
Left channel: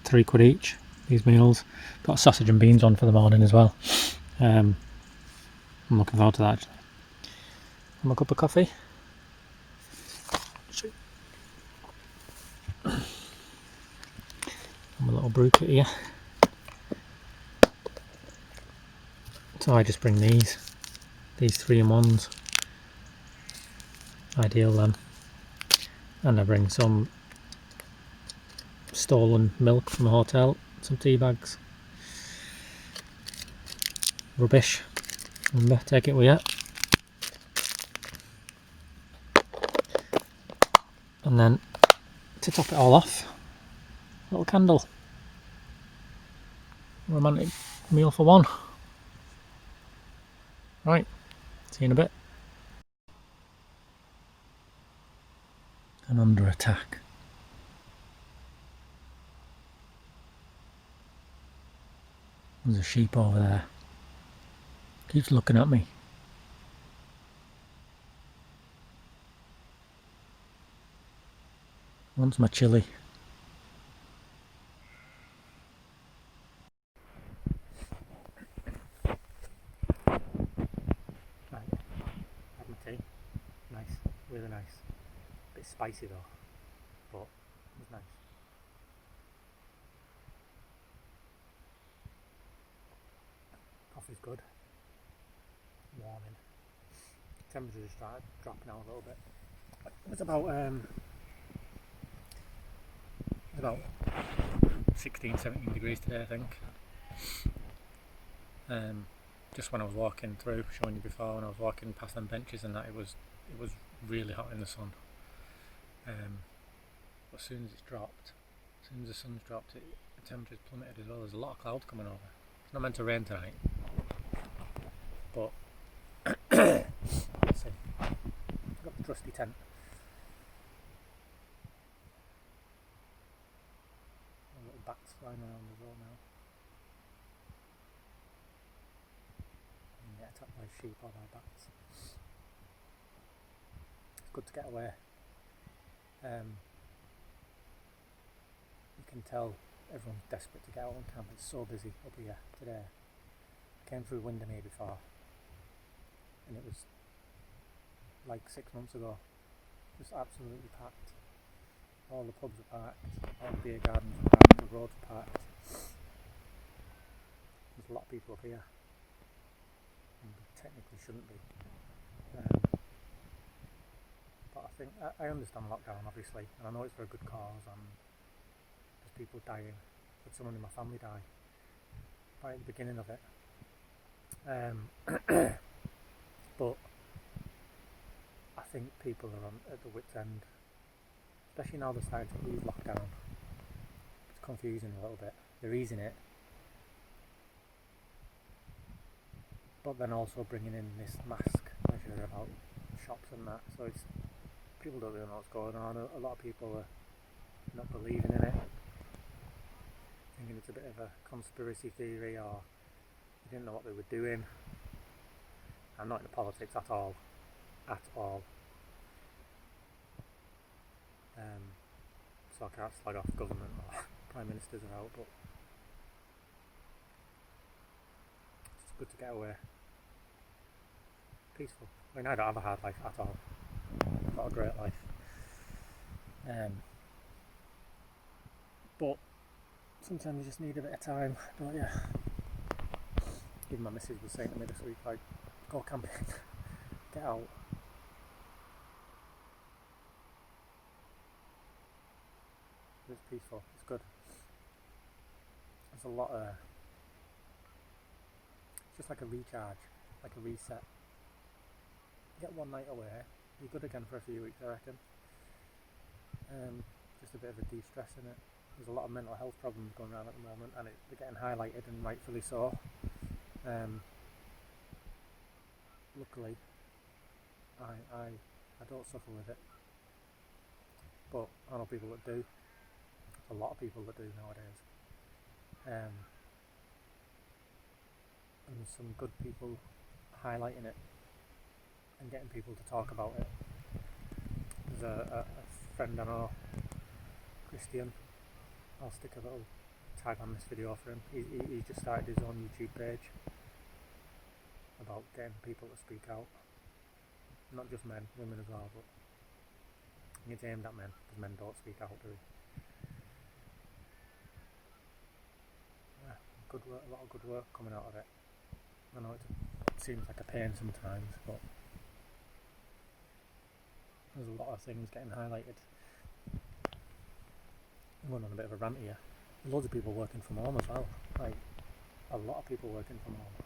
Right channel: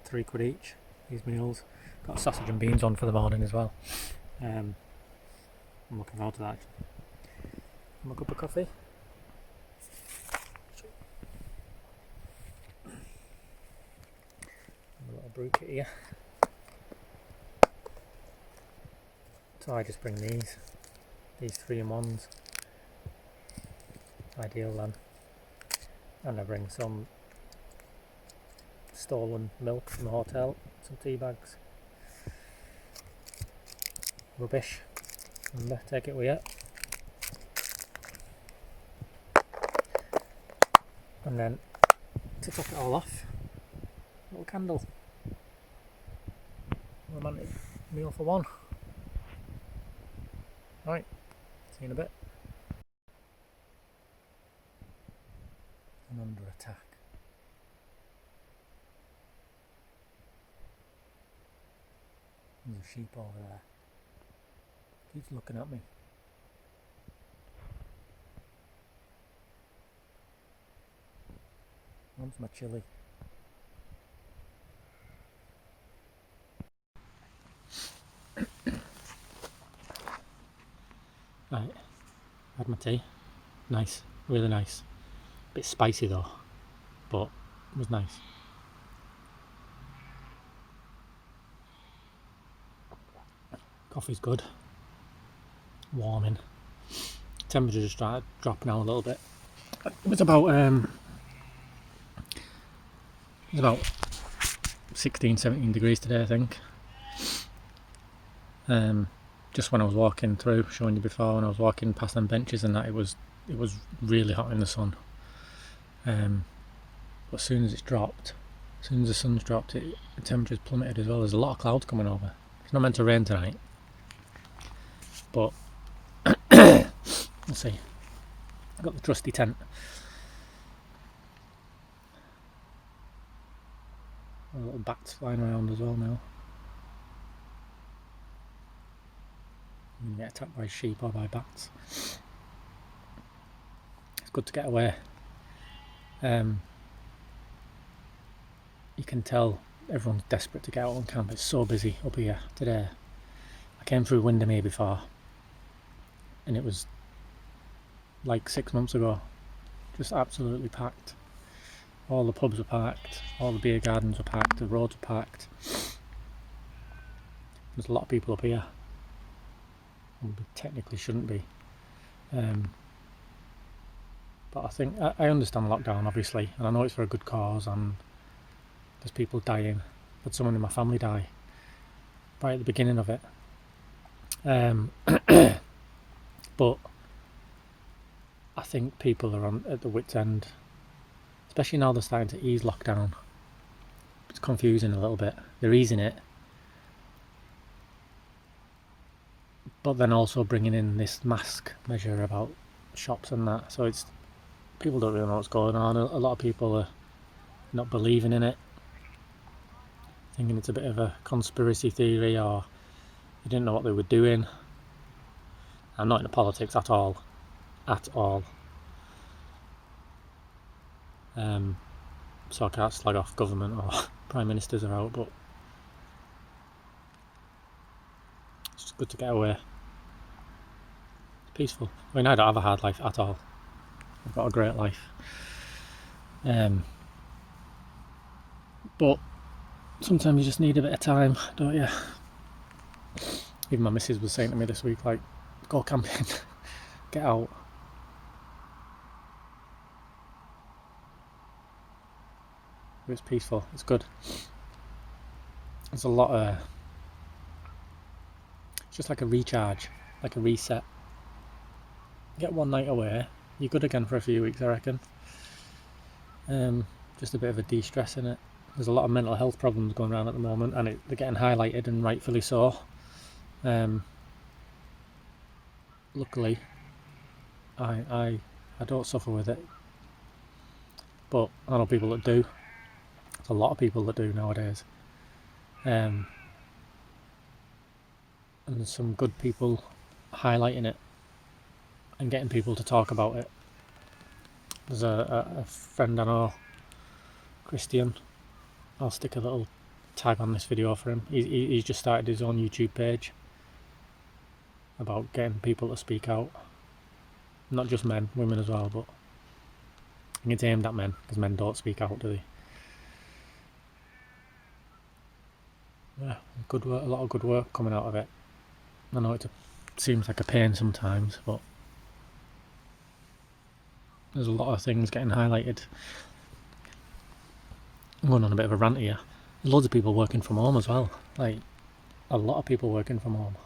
£3 each, these meals. Got sausage and beans on for the morning as well. I'm looking forward to that actually. And my cup of coffee. And my little brew kit here. So I just bring these 3-in-1s. Ideal then. And I bring some stolen milk from a hotel, some tea bags. Rubbish. Remember, take it with you. And then to top it all off, a little candle. Romantic meal for one. Right, see you in a bit. And under attack. There's a sheep over there. Keeps looking at me. Wants my chilli. Right, had my tea. Nice, really nice. Bit spicy though, but it was nice. Coffee's good. Warming. Temperature just started dropping out a little bit. It was about 16, 17 degrees today, I think. Just when I was walking through, showing you before, when I was walking past them benches and that, it was really hot in the sun. But as soon as it's dropped, as soon as the sun's dropped, the temperature's plummeted as well. There's a lot of clouds coming over. It's not meant to rain tonight, but we'll see. I've got the trusty tent. Little bats flying around as well now. You can get attacked by sheep or by bats. It's good to get away. You can tell everyone's desperate to get out on camp. It's so busy up here today. I came through Windermere before and it was like 6 months ago. Just absolutely packed. All the pubs were packed, all the beer gardens were packed, the roads were packed. There's a lot of people up here. And we technically shouldn't be. But I think, I understand lockdown obviously, and I know it's for a good cause and there's people dying. I had someone in my family die right at the beginning of it. But I think people are at the wit's end, especially now they're starting to ease lockdown. It's confusing a little bit. They're easing it, but then also bringing in this mask measure about shops and that. So it's, people don't really know what's going on. A lot of people are not believing in it, thinking it's a bit of a conspiracy theory, or they didn't know what they were doing. I'm not into politics at all. So I can't slag off government or prime ministers are out, but it's just good to get away. It's peaceful. I mean, I don't have a hard life at all. I've got a great life. But sometimes you just need a bit of time, don't you? Even my missus was saying to me this week, like, go camping, get out. It's peaceful, it's good. There's a lot of, it's just like a recharge, like a reset. Get one night away, you're good again for a few weeks, I reckon. Just a bit of a de-stress in it. There's a lot of mental health problems going around at the moment, and they're getting highlighted, and rightfully so. luckily, I don't suffer with it, but I know people that do. There's a lot of people that do nowadays. And there's some good people highlighting it and getting people to talk about it. There's a friend I know, Christian. I'll stick a little tag on this video for him. He's just started his own YouTube page about getting people to speak out. Not just men, women as well, but I think it's aimed at men because men don't speak out, do they? Yeah, good work, a lot of good work coming out of it. I know it seems like a pain sometimes, but there's a lot of things getting highlighted. I'm going on a bit of a rant here. There's loads of people working from home as well. Like, a lot of people working from home.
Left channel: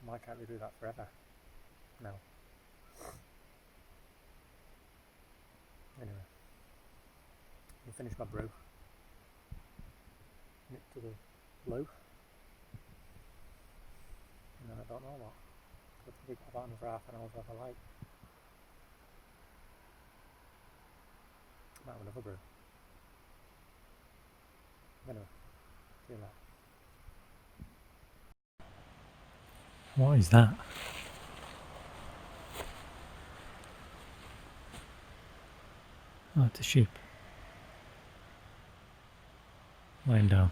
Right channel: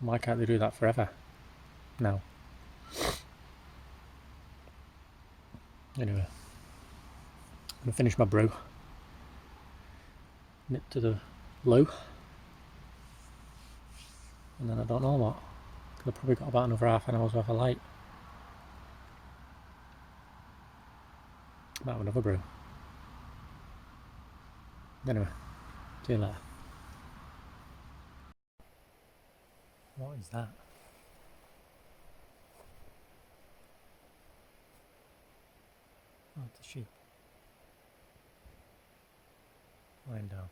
Why can't they do that forever? No. Anyway, I'm going to finish my brew. Nip to the loo. And then I don't know what. I've probably got about another half an hour's worth of light. Might have another brew. Anyway, see you later. What is that? Oh, it's a sheep. Lying down.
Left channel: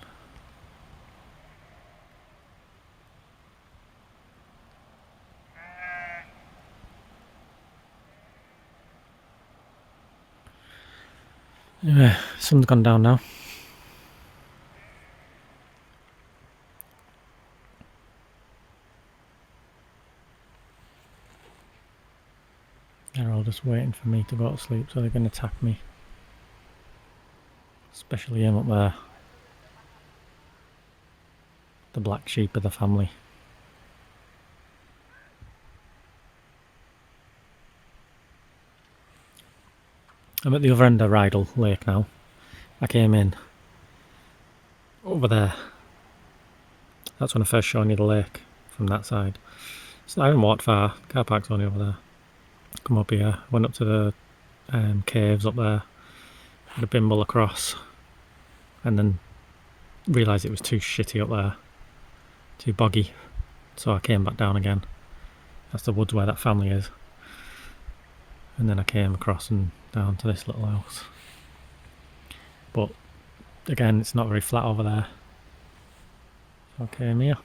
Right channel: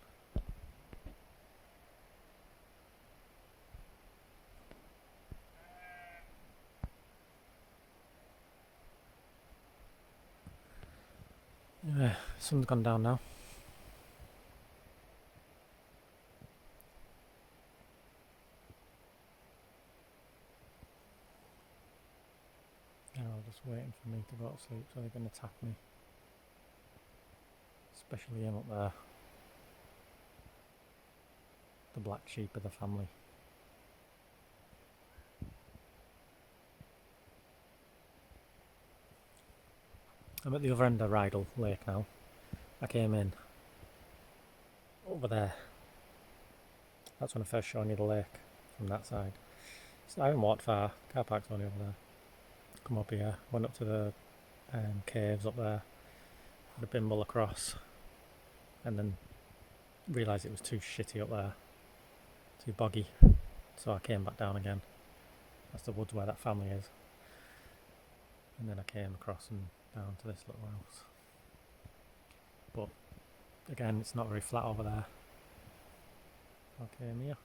Anyway, sun's gone down now. They're all just waiting for me to go to sleep, so they're going to attack me. Especially him up there. The black sheep of the family. I'm at the other end of Rydal Lake now. I came in over there. That's when I first showed you the lake from that side. So I haven't walked far. Car park's only over there. Come up here. Went up to the caves up there. Had a bimble across. And then realised it was too shitty up there. Too boggy. So I came back down again. That's the woods where that family is. And then I came across and down to this little house. But again, it's not very flat over there. So I came here.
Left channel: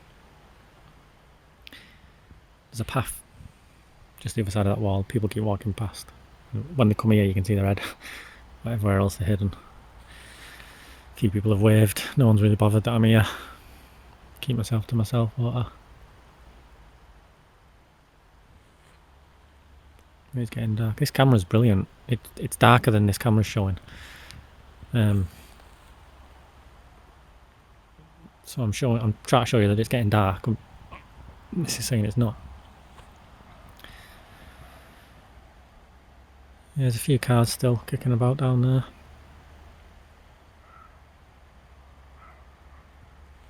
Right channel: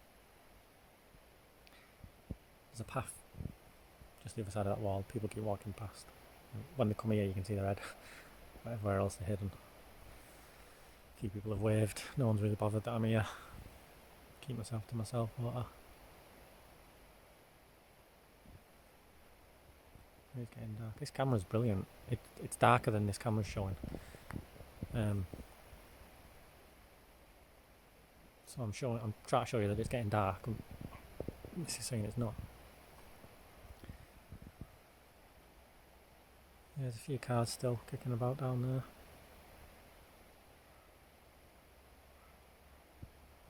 There's a path just the other side of that wall. People keep walking past. When they come here, you can see their head. But everywhere else, they're hidden. A few people have waved. No one's really bothered that I'm here. Keep myself to myself, won't I? It's getting dark. This camera's brilliant. It's darker than this camera's showing. So I'm trying to show you that it's getting dark. This is saying it's not. There's a few cars still kicking about down there.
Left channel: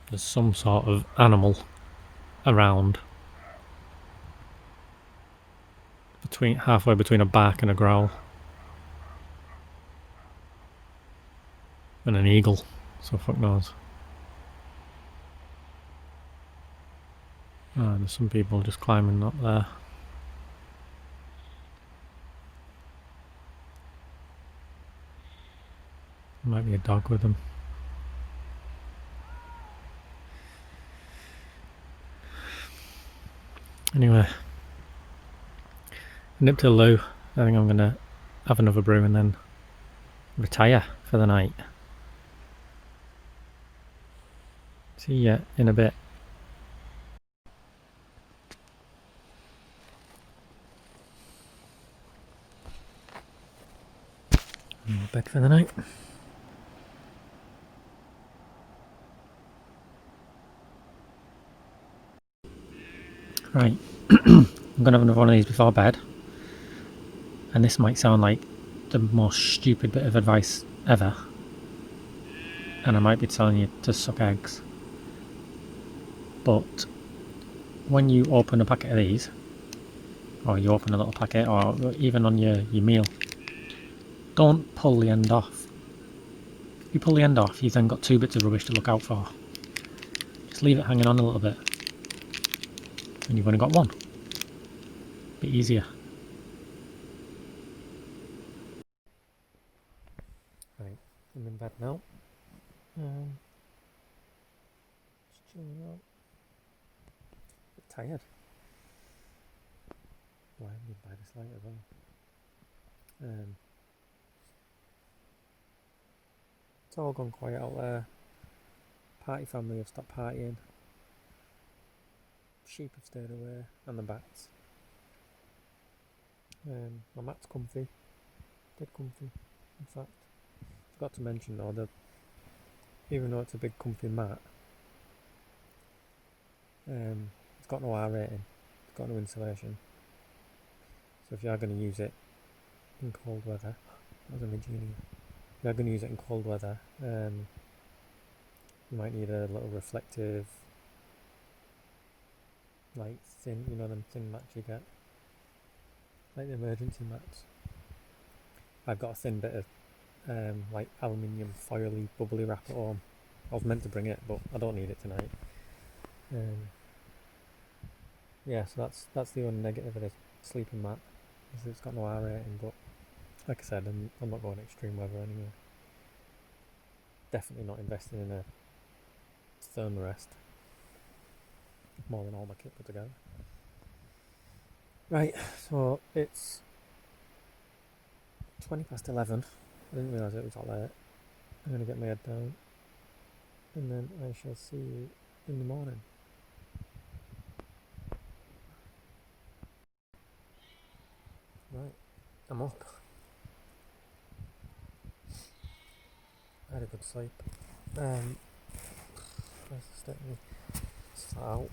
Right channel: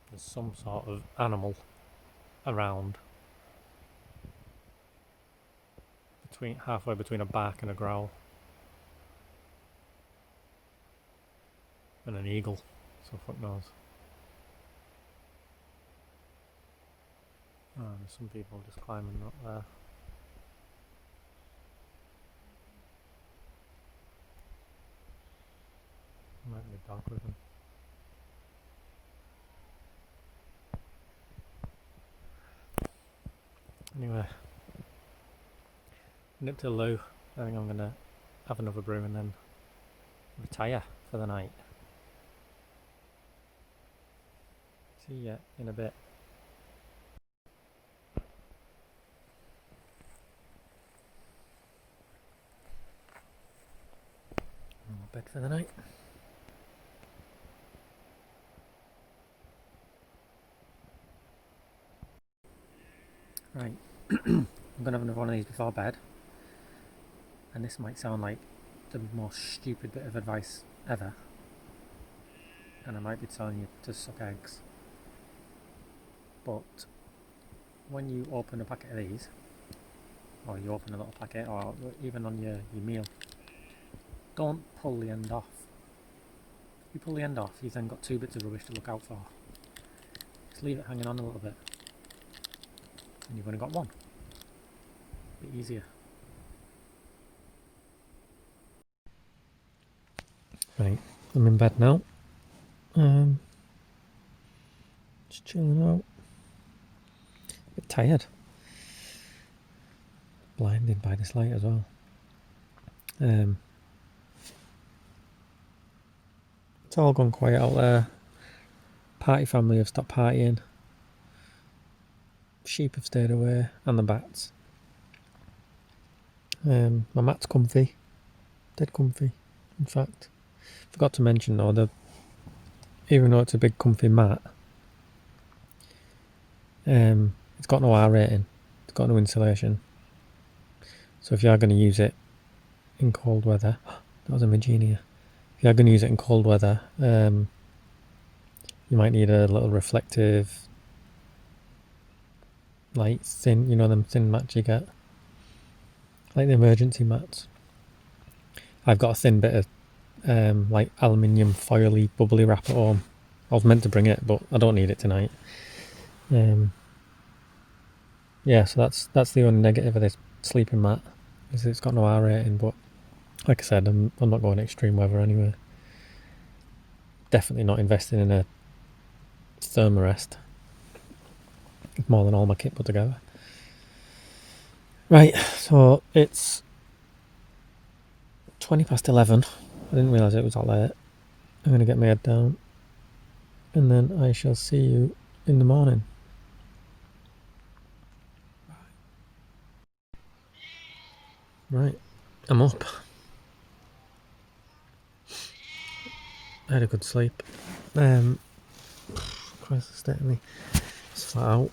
There's some sort of animal around. Halfway between a bark and a growl. And an eagle, so fuck knows. Oh, there's some people just climbing up there. There might be a dog with them. Anyway, nip to the loo. I think I'm gonna have another brew and then retire for the night. See ya in a bit. Bed for the night. Right, I'm gonna have another one of these before bed. And this might sound like the most stupid bit of advice ever. And I might be telling you to suck eggs. But when you open a packet of these, or you open a little packet, or even on your meal, don't pull the end off. If you pull the end off, you've then got 2 bits of rubbish to look out for. Just leave it hanging on a little bit, and you've only got one. Bit easier. Right, I'm in bed now. Just chilling out. Bit tired. Blinded by this light as well. It's all gone quiet out there. Party family have stopped partying. Sheep have stayed away, and the bats. My mat's comfy. Dead comfy, in fact. Forgot to mention though, even though it's a big comfy mat, it's got no R rating. It's got no insulation. So if you are going to use it in cold weather, that was a Magenia. If you are going to use it in cold weather, you might need a little reflective, like thin, you know them thin mats you get, like the emergency mats. I've got a thin bit of like aluminium foily bubbly wrap at home. I was meant to bring it, but I don't need it tonight. Yeah, so that's the only negative of this sleeping mat, is it's got no R rating. But like I said, I'm not going extreme weather anyway. Definitely not investing in a thermarest. It's more than all my kit put together. Right, so it's 11:20. I didn't realise it was that late. I'm going to get my head down, and then I shall see you in the morning. Right, I'm up. I had a good sleep. Christ, the state of me. It's flat out.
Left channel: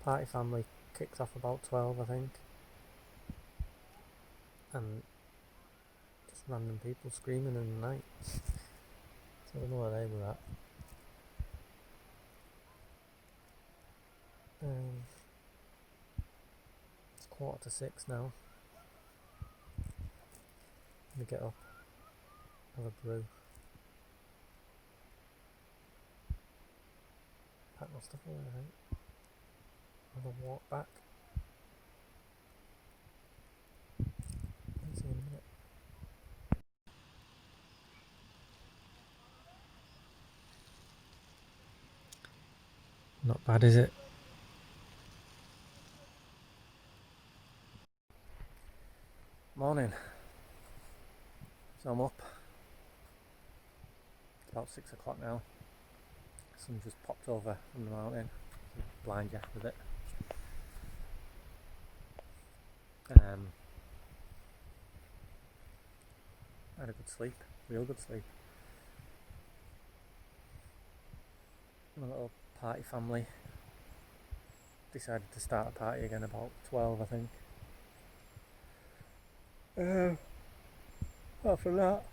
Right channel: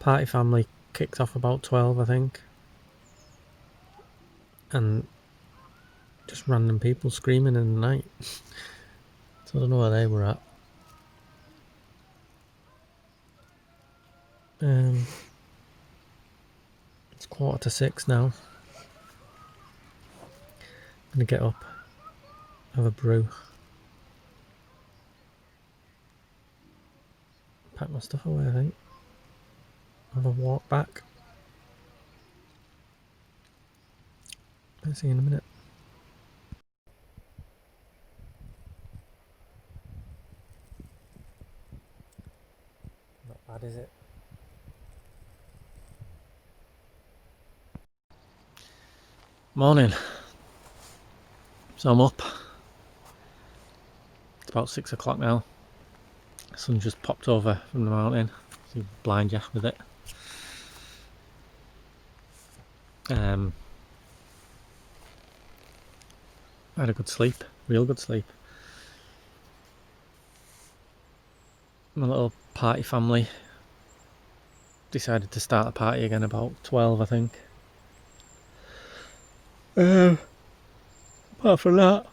Party family kicked off about 12, I think. And just random people screaming in the night. So I don't know where they were at. It's 5:45 now. I'm going to get up, have a brew, pack my stuff away, I think. Have a walk back. I'll see you in a minute. Not bad, is it? Morning. So I'm up. It's about 6 o'clock now. The sun just popped over from the mountain. So you blind you with it. I had a good sleep, real good sleep. My little party family decided to start a party again about 12, I think. Apart from that,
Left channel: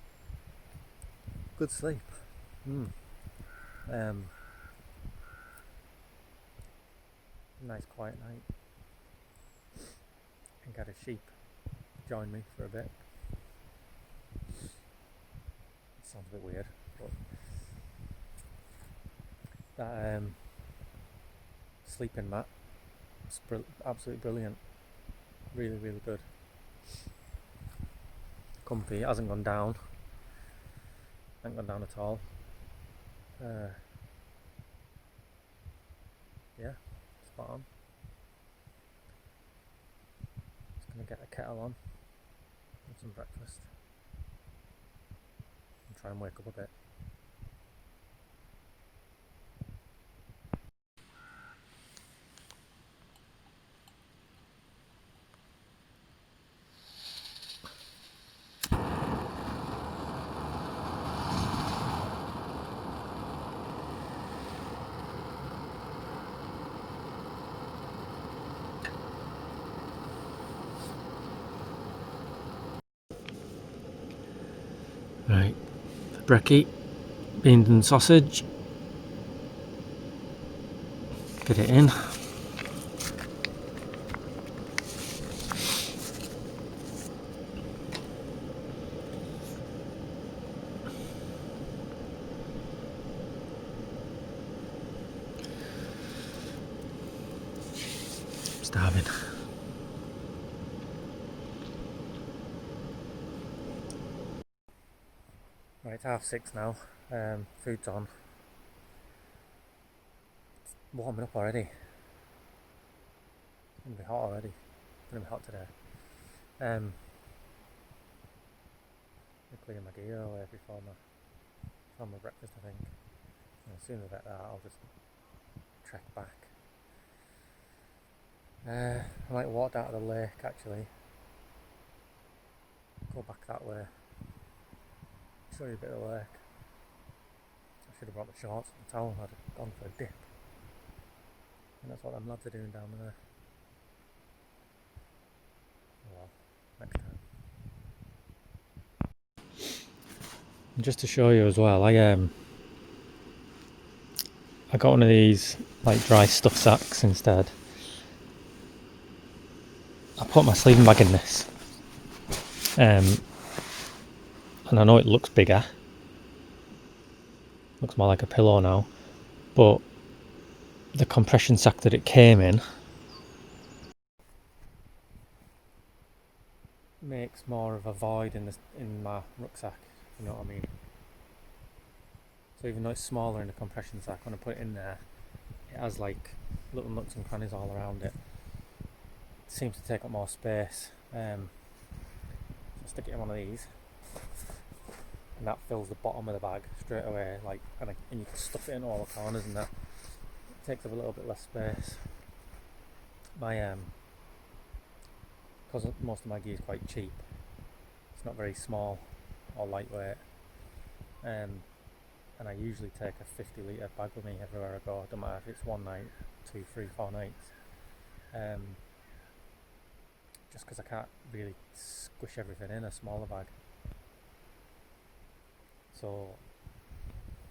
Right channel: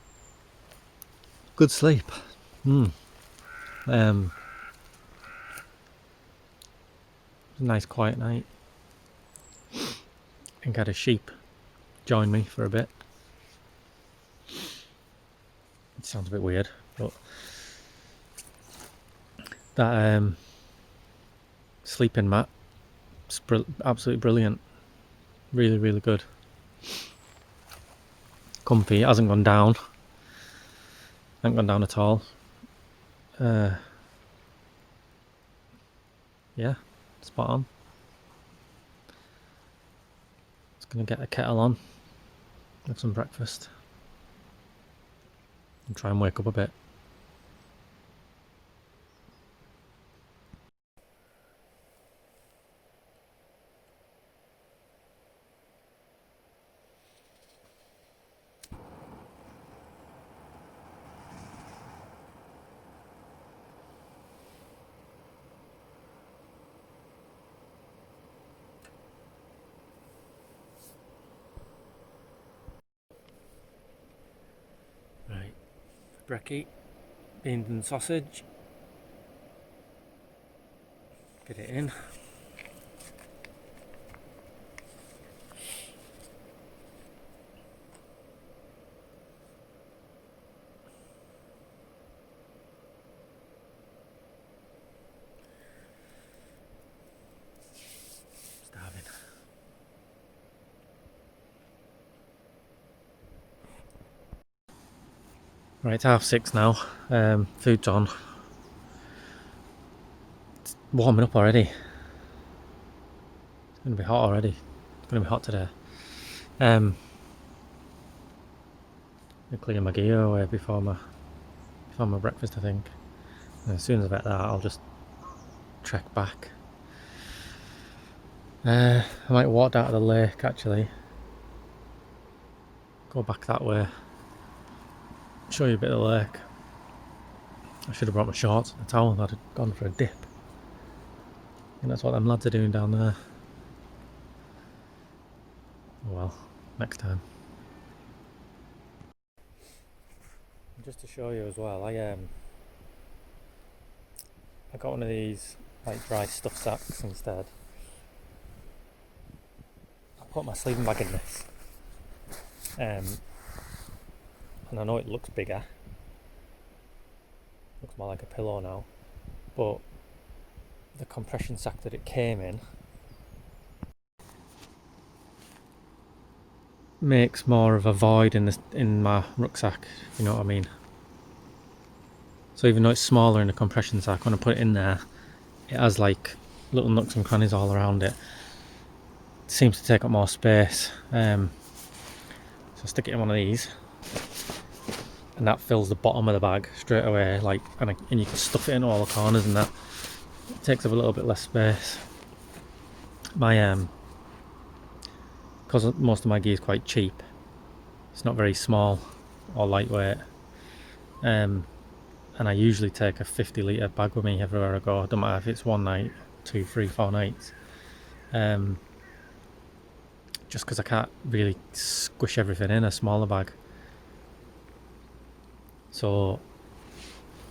good sleep. A nice quiet night. I think I had a sheep join me for a bit. It sounds a bit weird, but that sleeping mat is absolutely brilliant. Really, really good. Comfy. It hasn't gone down. Hasn't gone down at all. Yeah, spot on. Just gonna get a kettle on, have some breakfast, and try and wake up a bit. Right, brekkie, beans and sausage, get it in. Starving. Right, it's 6:30 now. Food's on. It's warming up already. It's going to be hot already. It's going to be hot today. I'm cleaning my gear away before my breakfast, I think. And as soon as I get that, I'll just trek back. I might walk down to the lake actually. Go back that way. Show you a bit of the lake. I should have brought my shorts and a towel. I'd have gone for a dip. And that's what them lads are doing down there. Oh well, next time. And just to show you as well, I got one of these like dry stuff sacks instead. I put my sleeping bag in this. And I know it looks bigger. Looks more like a pillow now. But the compression sack that it came in makes more of a void in my rucksack, if you know what I mean. So even though it's smaller in the compression sack, when I put it in there, it has like little nooks and crannies all around it. It seems to take up more space. So I stick it in one of these, and that fills the bottom of the bag straight away. Like, and you can stuff it in all the corners, and that it takes up a little bit less space. My because most of my gear is quite cheap, it's not very small or lightweight. And I usually take a 50-litre bag with me everywhere I go. Don't matter if it's one night, 2, 3, 4 nights. Just because I can't really squish everything in a smaller bag. So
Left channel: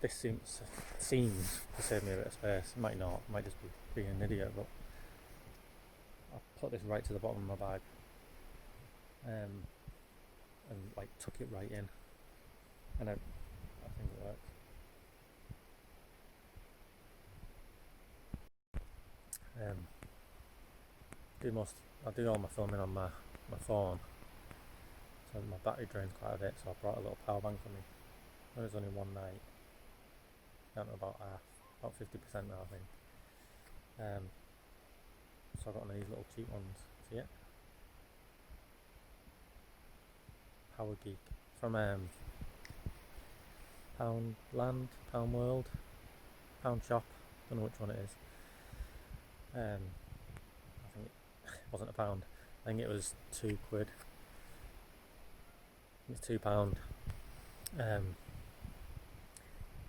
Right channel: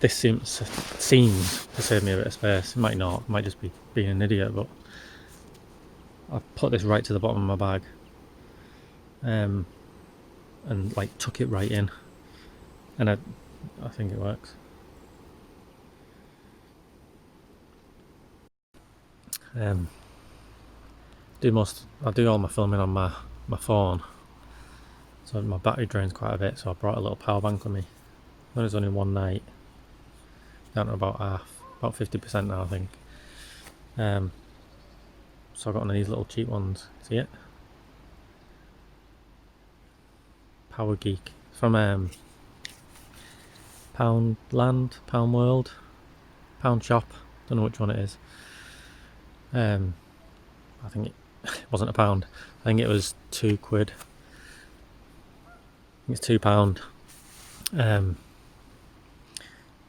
this seems to save me a bit of space. It might not, it might just be being an idiot, but I put this right to the bottom of my bag. And like tuck it right in. And I think it works. I do all my filming on my phone, so my battery drains quite a bit, so I brought a little power bank with me. When it's only one night, down to about 50% now I think. So I got one of these little cheap ones, see it? Power Geek, from Pound World, Pound Shop, don't know which one it is. I think it wasn't a pound. I think it was £2. I think it's £2.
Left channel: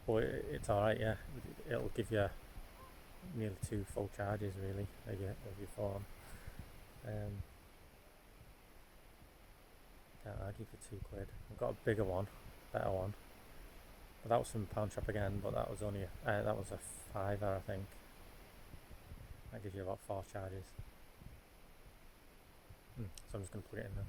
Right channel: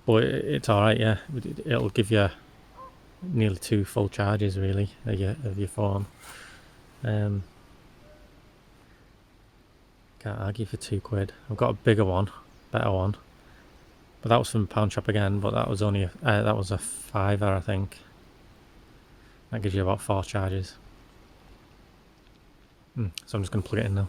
But it's alright, yeah. It'll give you nearly 2 full charges really of your phone. Can't argue for £2. I've got a bigger one, better one, but that was from Pound Shop again. But that was only that was a £5, I think. That gives you about 4 charges. So I'm just going to plug it in now.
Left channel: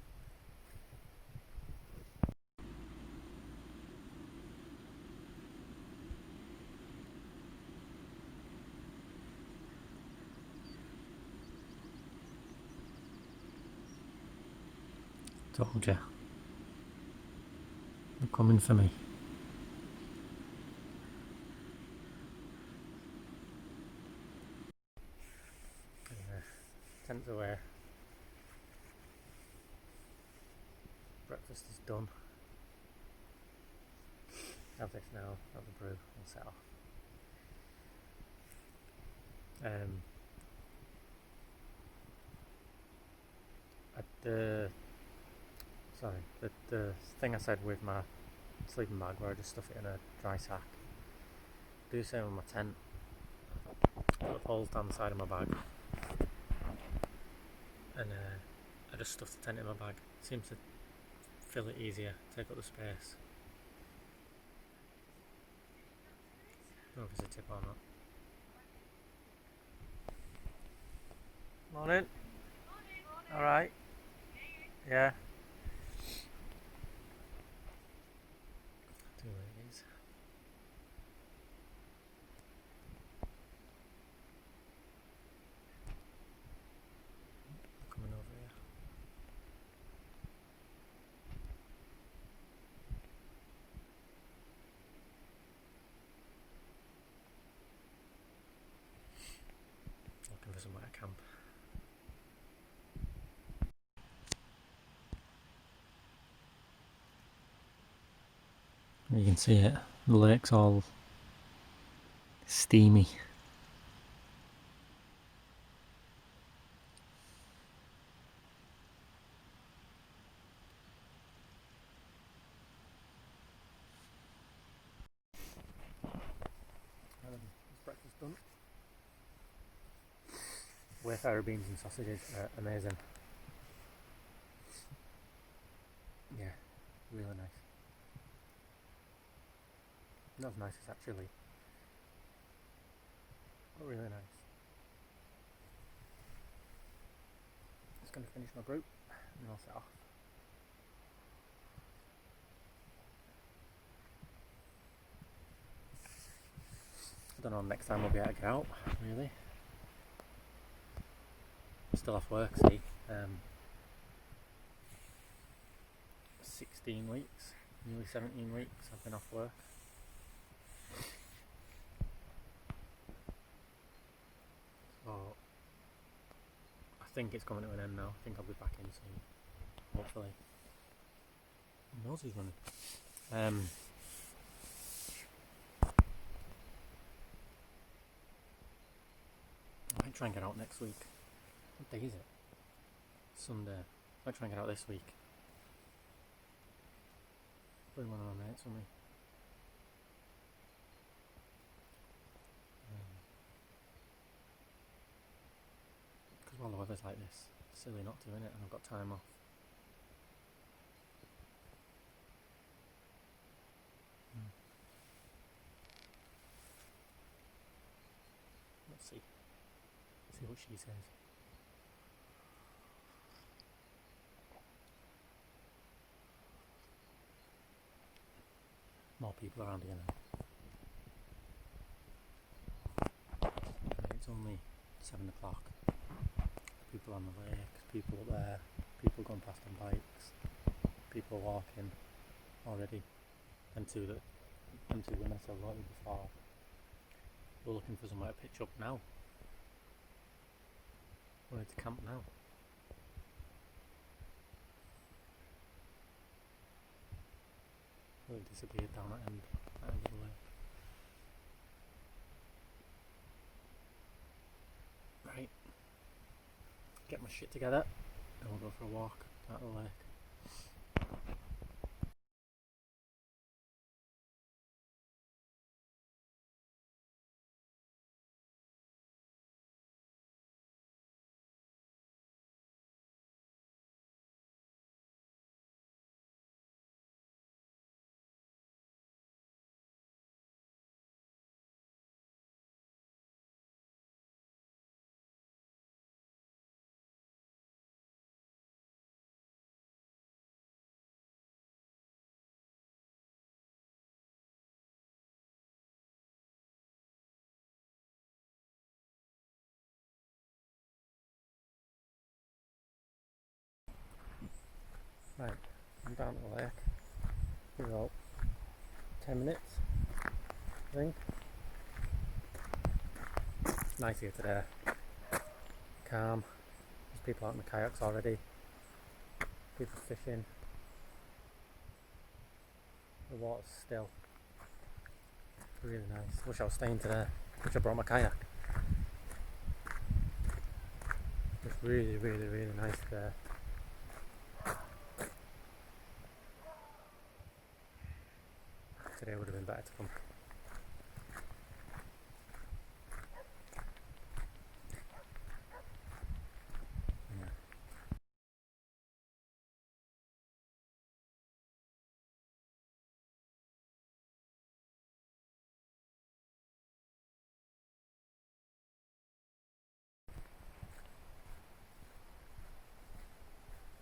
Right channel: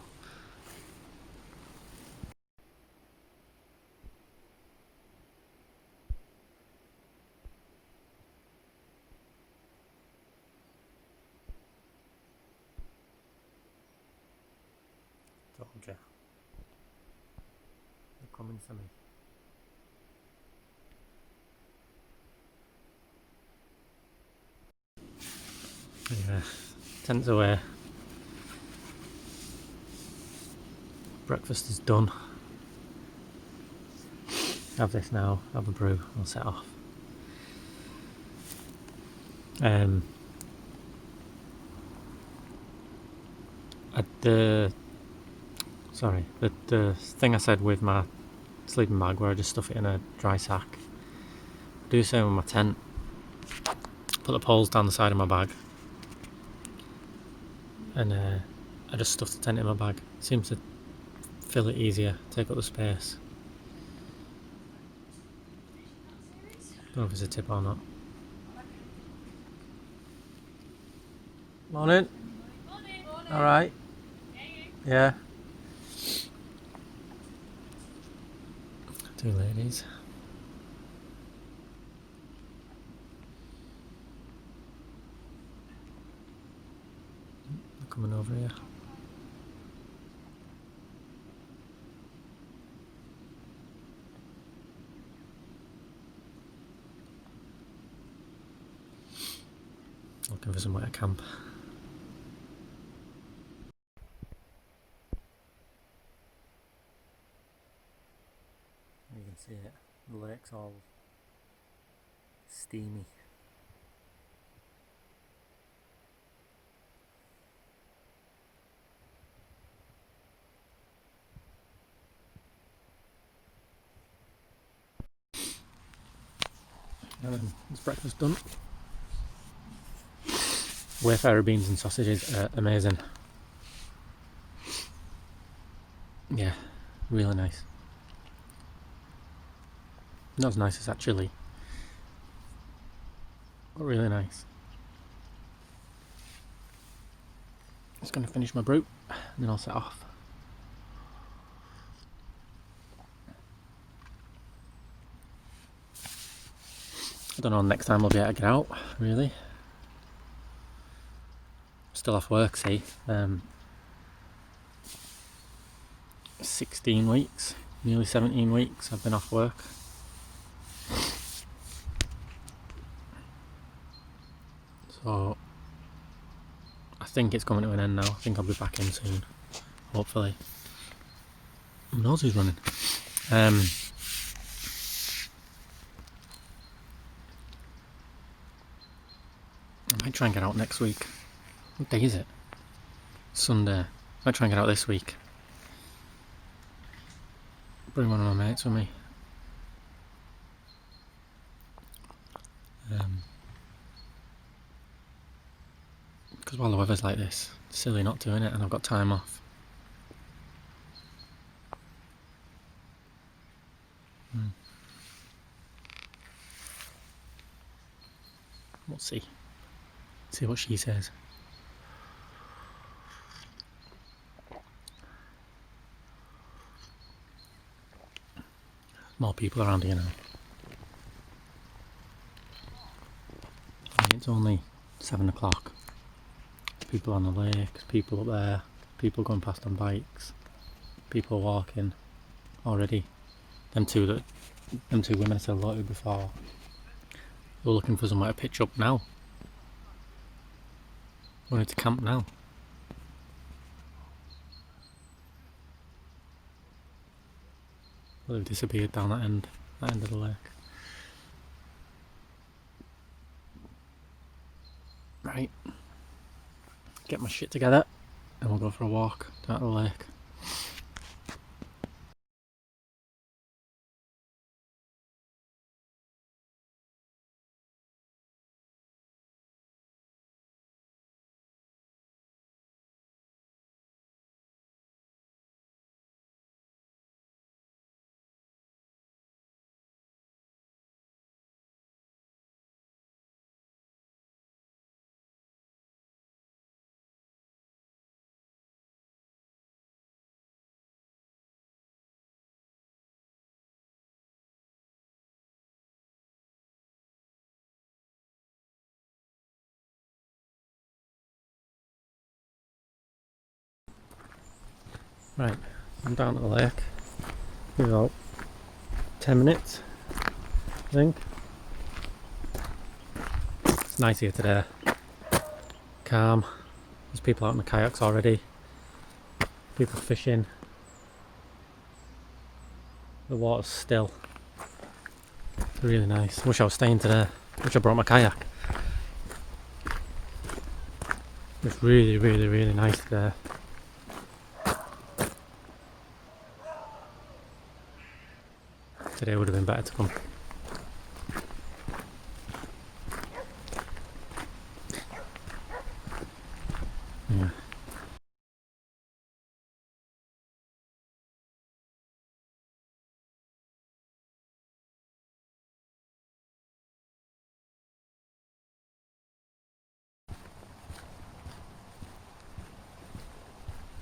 Told you. They're coming for me. Anyway, tents away. Breakfast is done. Have this now, have a brew, I'll set off. The thing I said with my sleeping bag, where I just stuff it in a dry sack, I do the same with my tent. Put the poles down the side of my bag, and I just stuff the tent in my bag. It seems to fill it easier, take up the space. Don't know if it's a tip or not. Morning. All right. Yeah. Two ladies. They're coming over here. Looking for somewhere to camp. You can see it. The lake's all steamy. And then it's breakfast done. Wayfarer beans and sausages are amazing. Yeah, really nice. Not as nice as that chili, but really nice. Just going to finish my brew and then I'll set off. I don't know, next time I'll be able to get out, really. I'm still off work, see. 16 weeks, nearly 17 weeks I've been off work. So I think it's coming to an end now. I think I'll be back in soon, hopefully. Who knows who's running? I might try and get out next week. What day is it? Sunday. I might try and get out this week. Bring one of my mates with me. Because while the weather's like this, it's silly not doing it, and I've got time off. We'll see. See what she says. More people around here now. It's only 7 o'clock. People on the lake, people up there, people going past on bikes, people walking already. Them two women I said hello to before, they were looking for somewhere to pitch up now. Wanted to camp now. Well, they've disappeared down that end of the lake. Right. Get my shit together and we'll go for a walk down to the lake. Right, I'm down at the lake. In about 10 minutes, I think. It's nice here today. Calm. There's people out in the kayaks already. People fishing. The water's still. It's really nice. Wish I was staying today. Wish I brought my kayak. It's really, really, really nice today. Today would have been better to come. Yeah.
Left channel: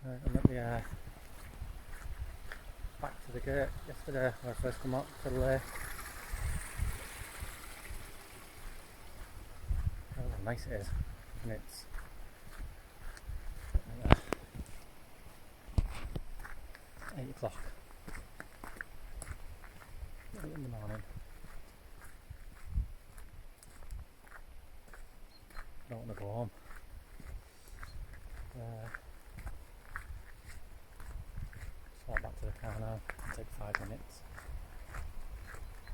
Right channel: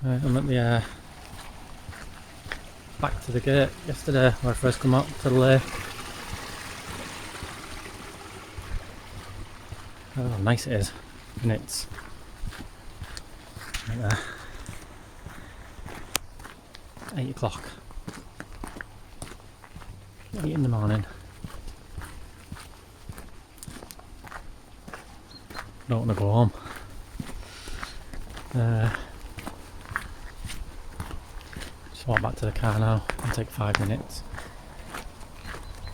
I'm at the back to the gate yesterday where I first come up to the lake. Oh, how nice it is, and it's right there, 8 o'clock, 8 in the morning. Don't want to go home. Just walk back to the car now and take 5 minutes.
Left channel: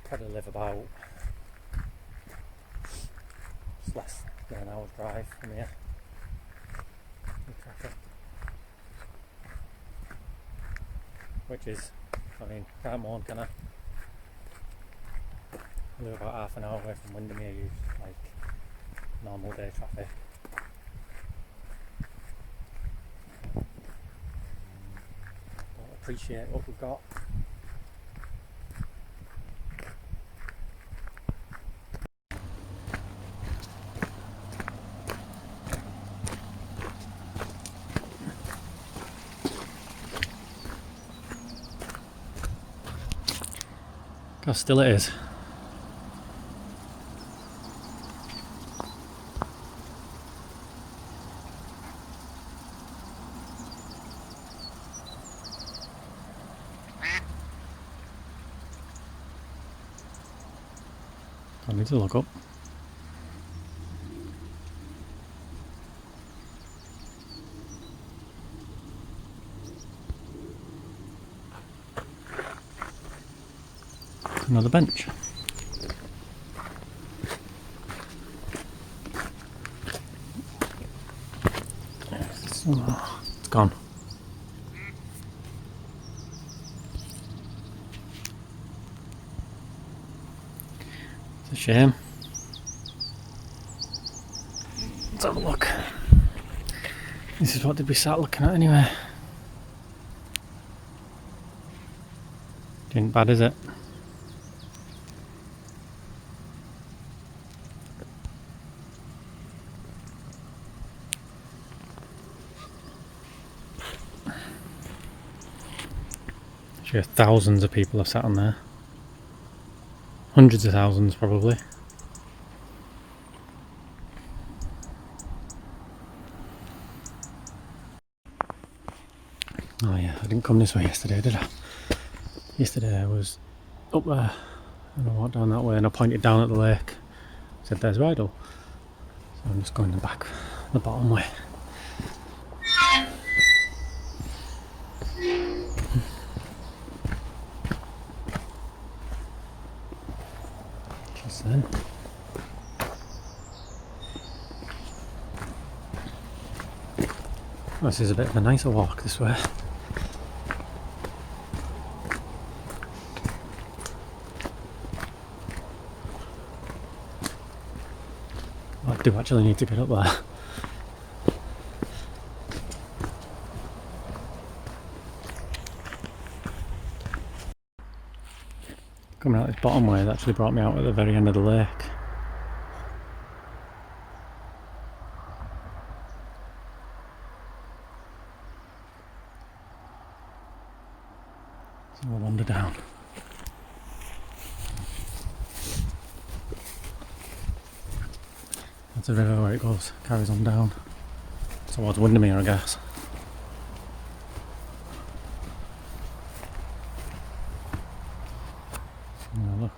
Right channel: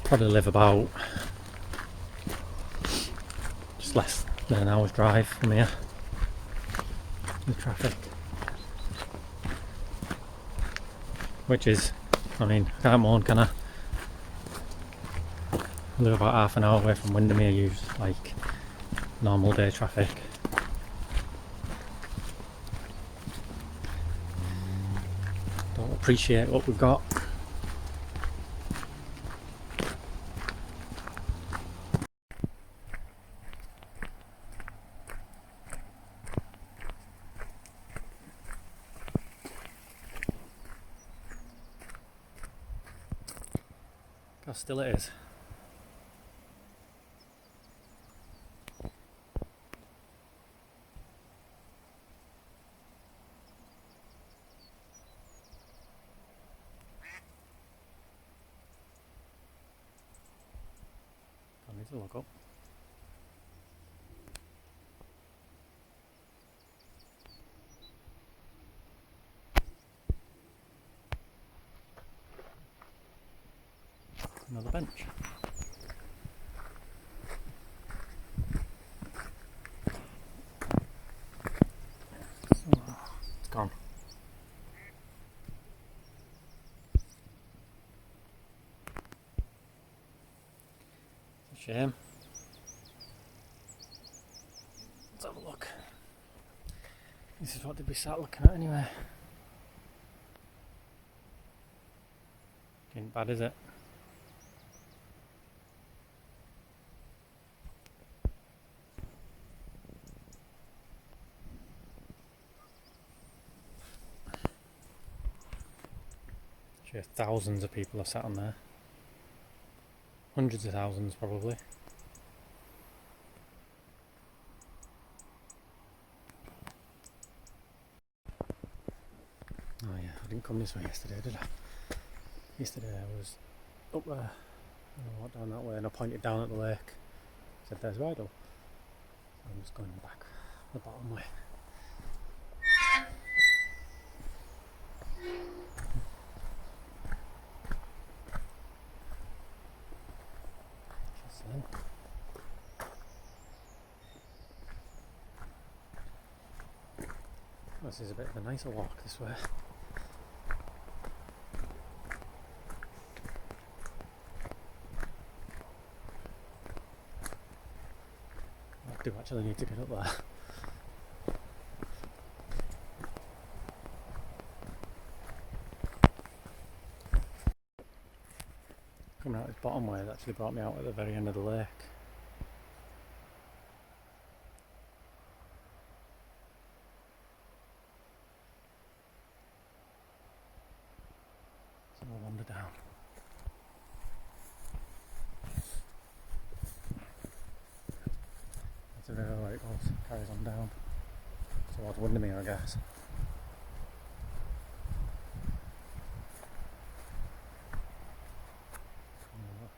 Probably live about just less than an hour's drive from here with traffic, which is, I mean, I can't moan, can I? I live about half an hour away from Windermere, use like normal day traffic. Don't appreciate what we've got. How still it is. I need to look up. Another bench. It's gone. It's a shame. Let's have a look. This is what they'd be sat looking at anyway. Ain't bad, is it? Sure, thousands of people have sat on there. Hundreds of thousands, probably. Oh yeah, I didn't come this way yesterday, did I? Yesterday I was up there and I walked down that way and I pointed down at the lake. Said there's Rydal. So I'm just going the back, the bottom way. Just then. Oh, this is a bit of a nicer walk this way. I do actually need to get up there. Coming out this bottom way has actually brought me out at the very end of the lake. So we'll wander down. That's a river where it goes, carries on down towards Windermere, I guess. Now look.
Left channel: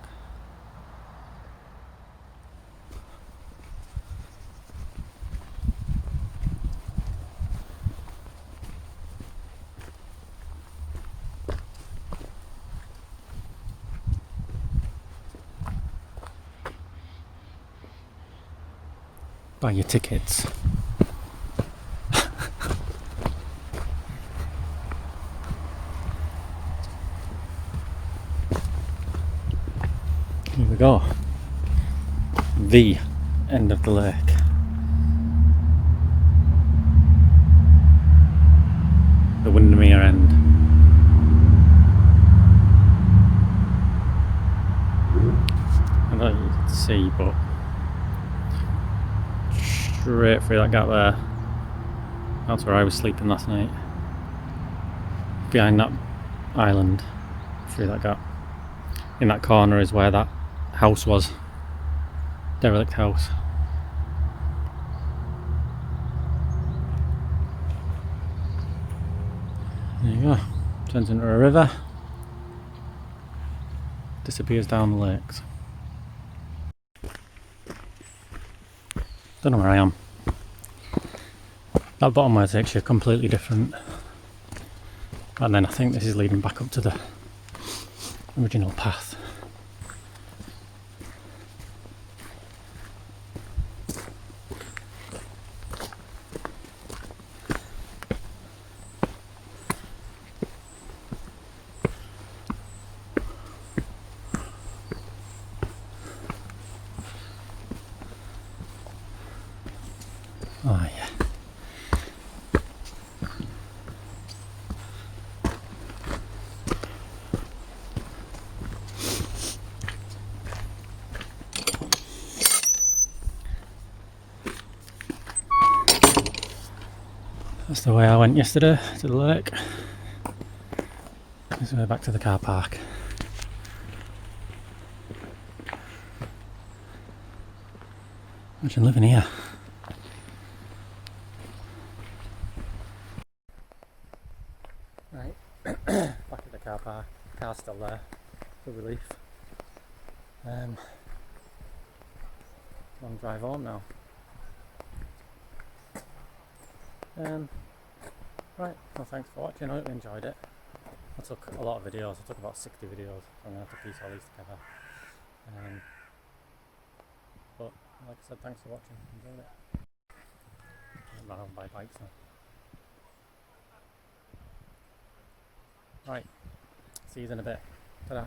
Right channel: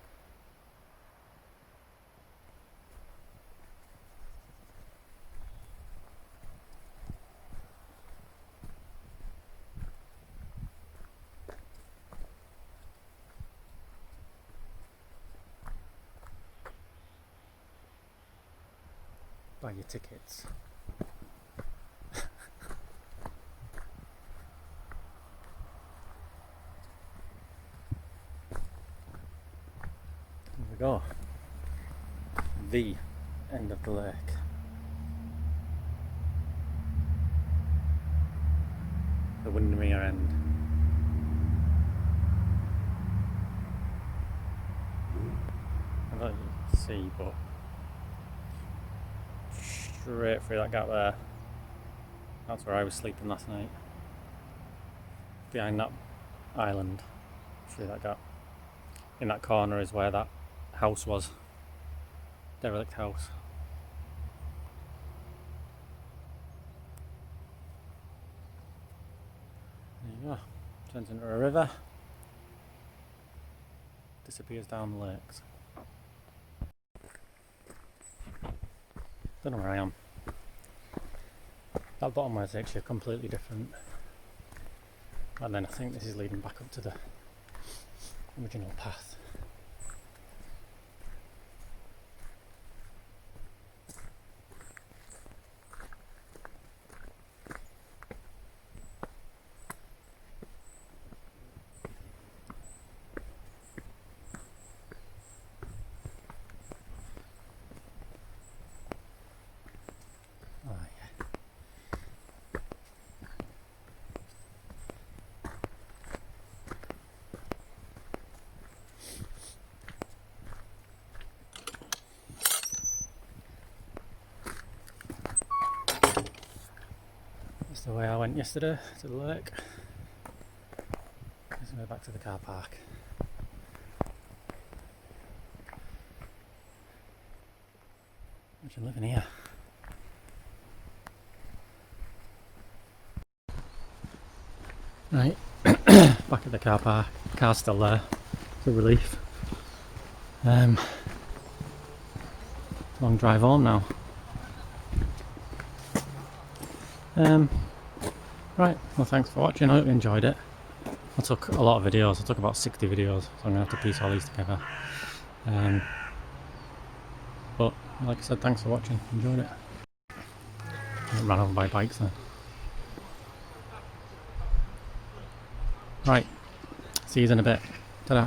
Buy your tickets. Here we go. The end of the lake. The Windermere end. I don't know if you can see, but straight through that gap there, that's where I was sleeping last night. behind that island, through that gap. In that corner is where that house was. Derelict house. There you go. Turns into a river. Disappears down the lakes. Don't know where I am. That bottom way takes you completely different. And then I think this is leading back up to the original path. Oh yeah. That's the way I went yesterday, to the lake. This way back to the car park. Imagine living here. Right, back at the car park. Car's still there. It's a relief. Long drive home now. Right, well thanks for watching, I hope you enjoyed it. I took a lot of videos, I took about 60 videos, so I'm going to have to piece all these together. But like I said, thanks for watching, enjoyed it. I got ran over by bikes then. Right, see you in a bit. Ta-da.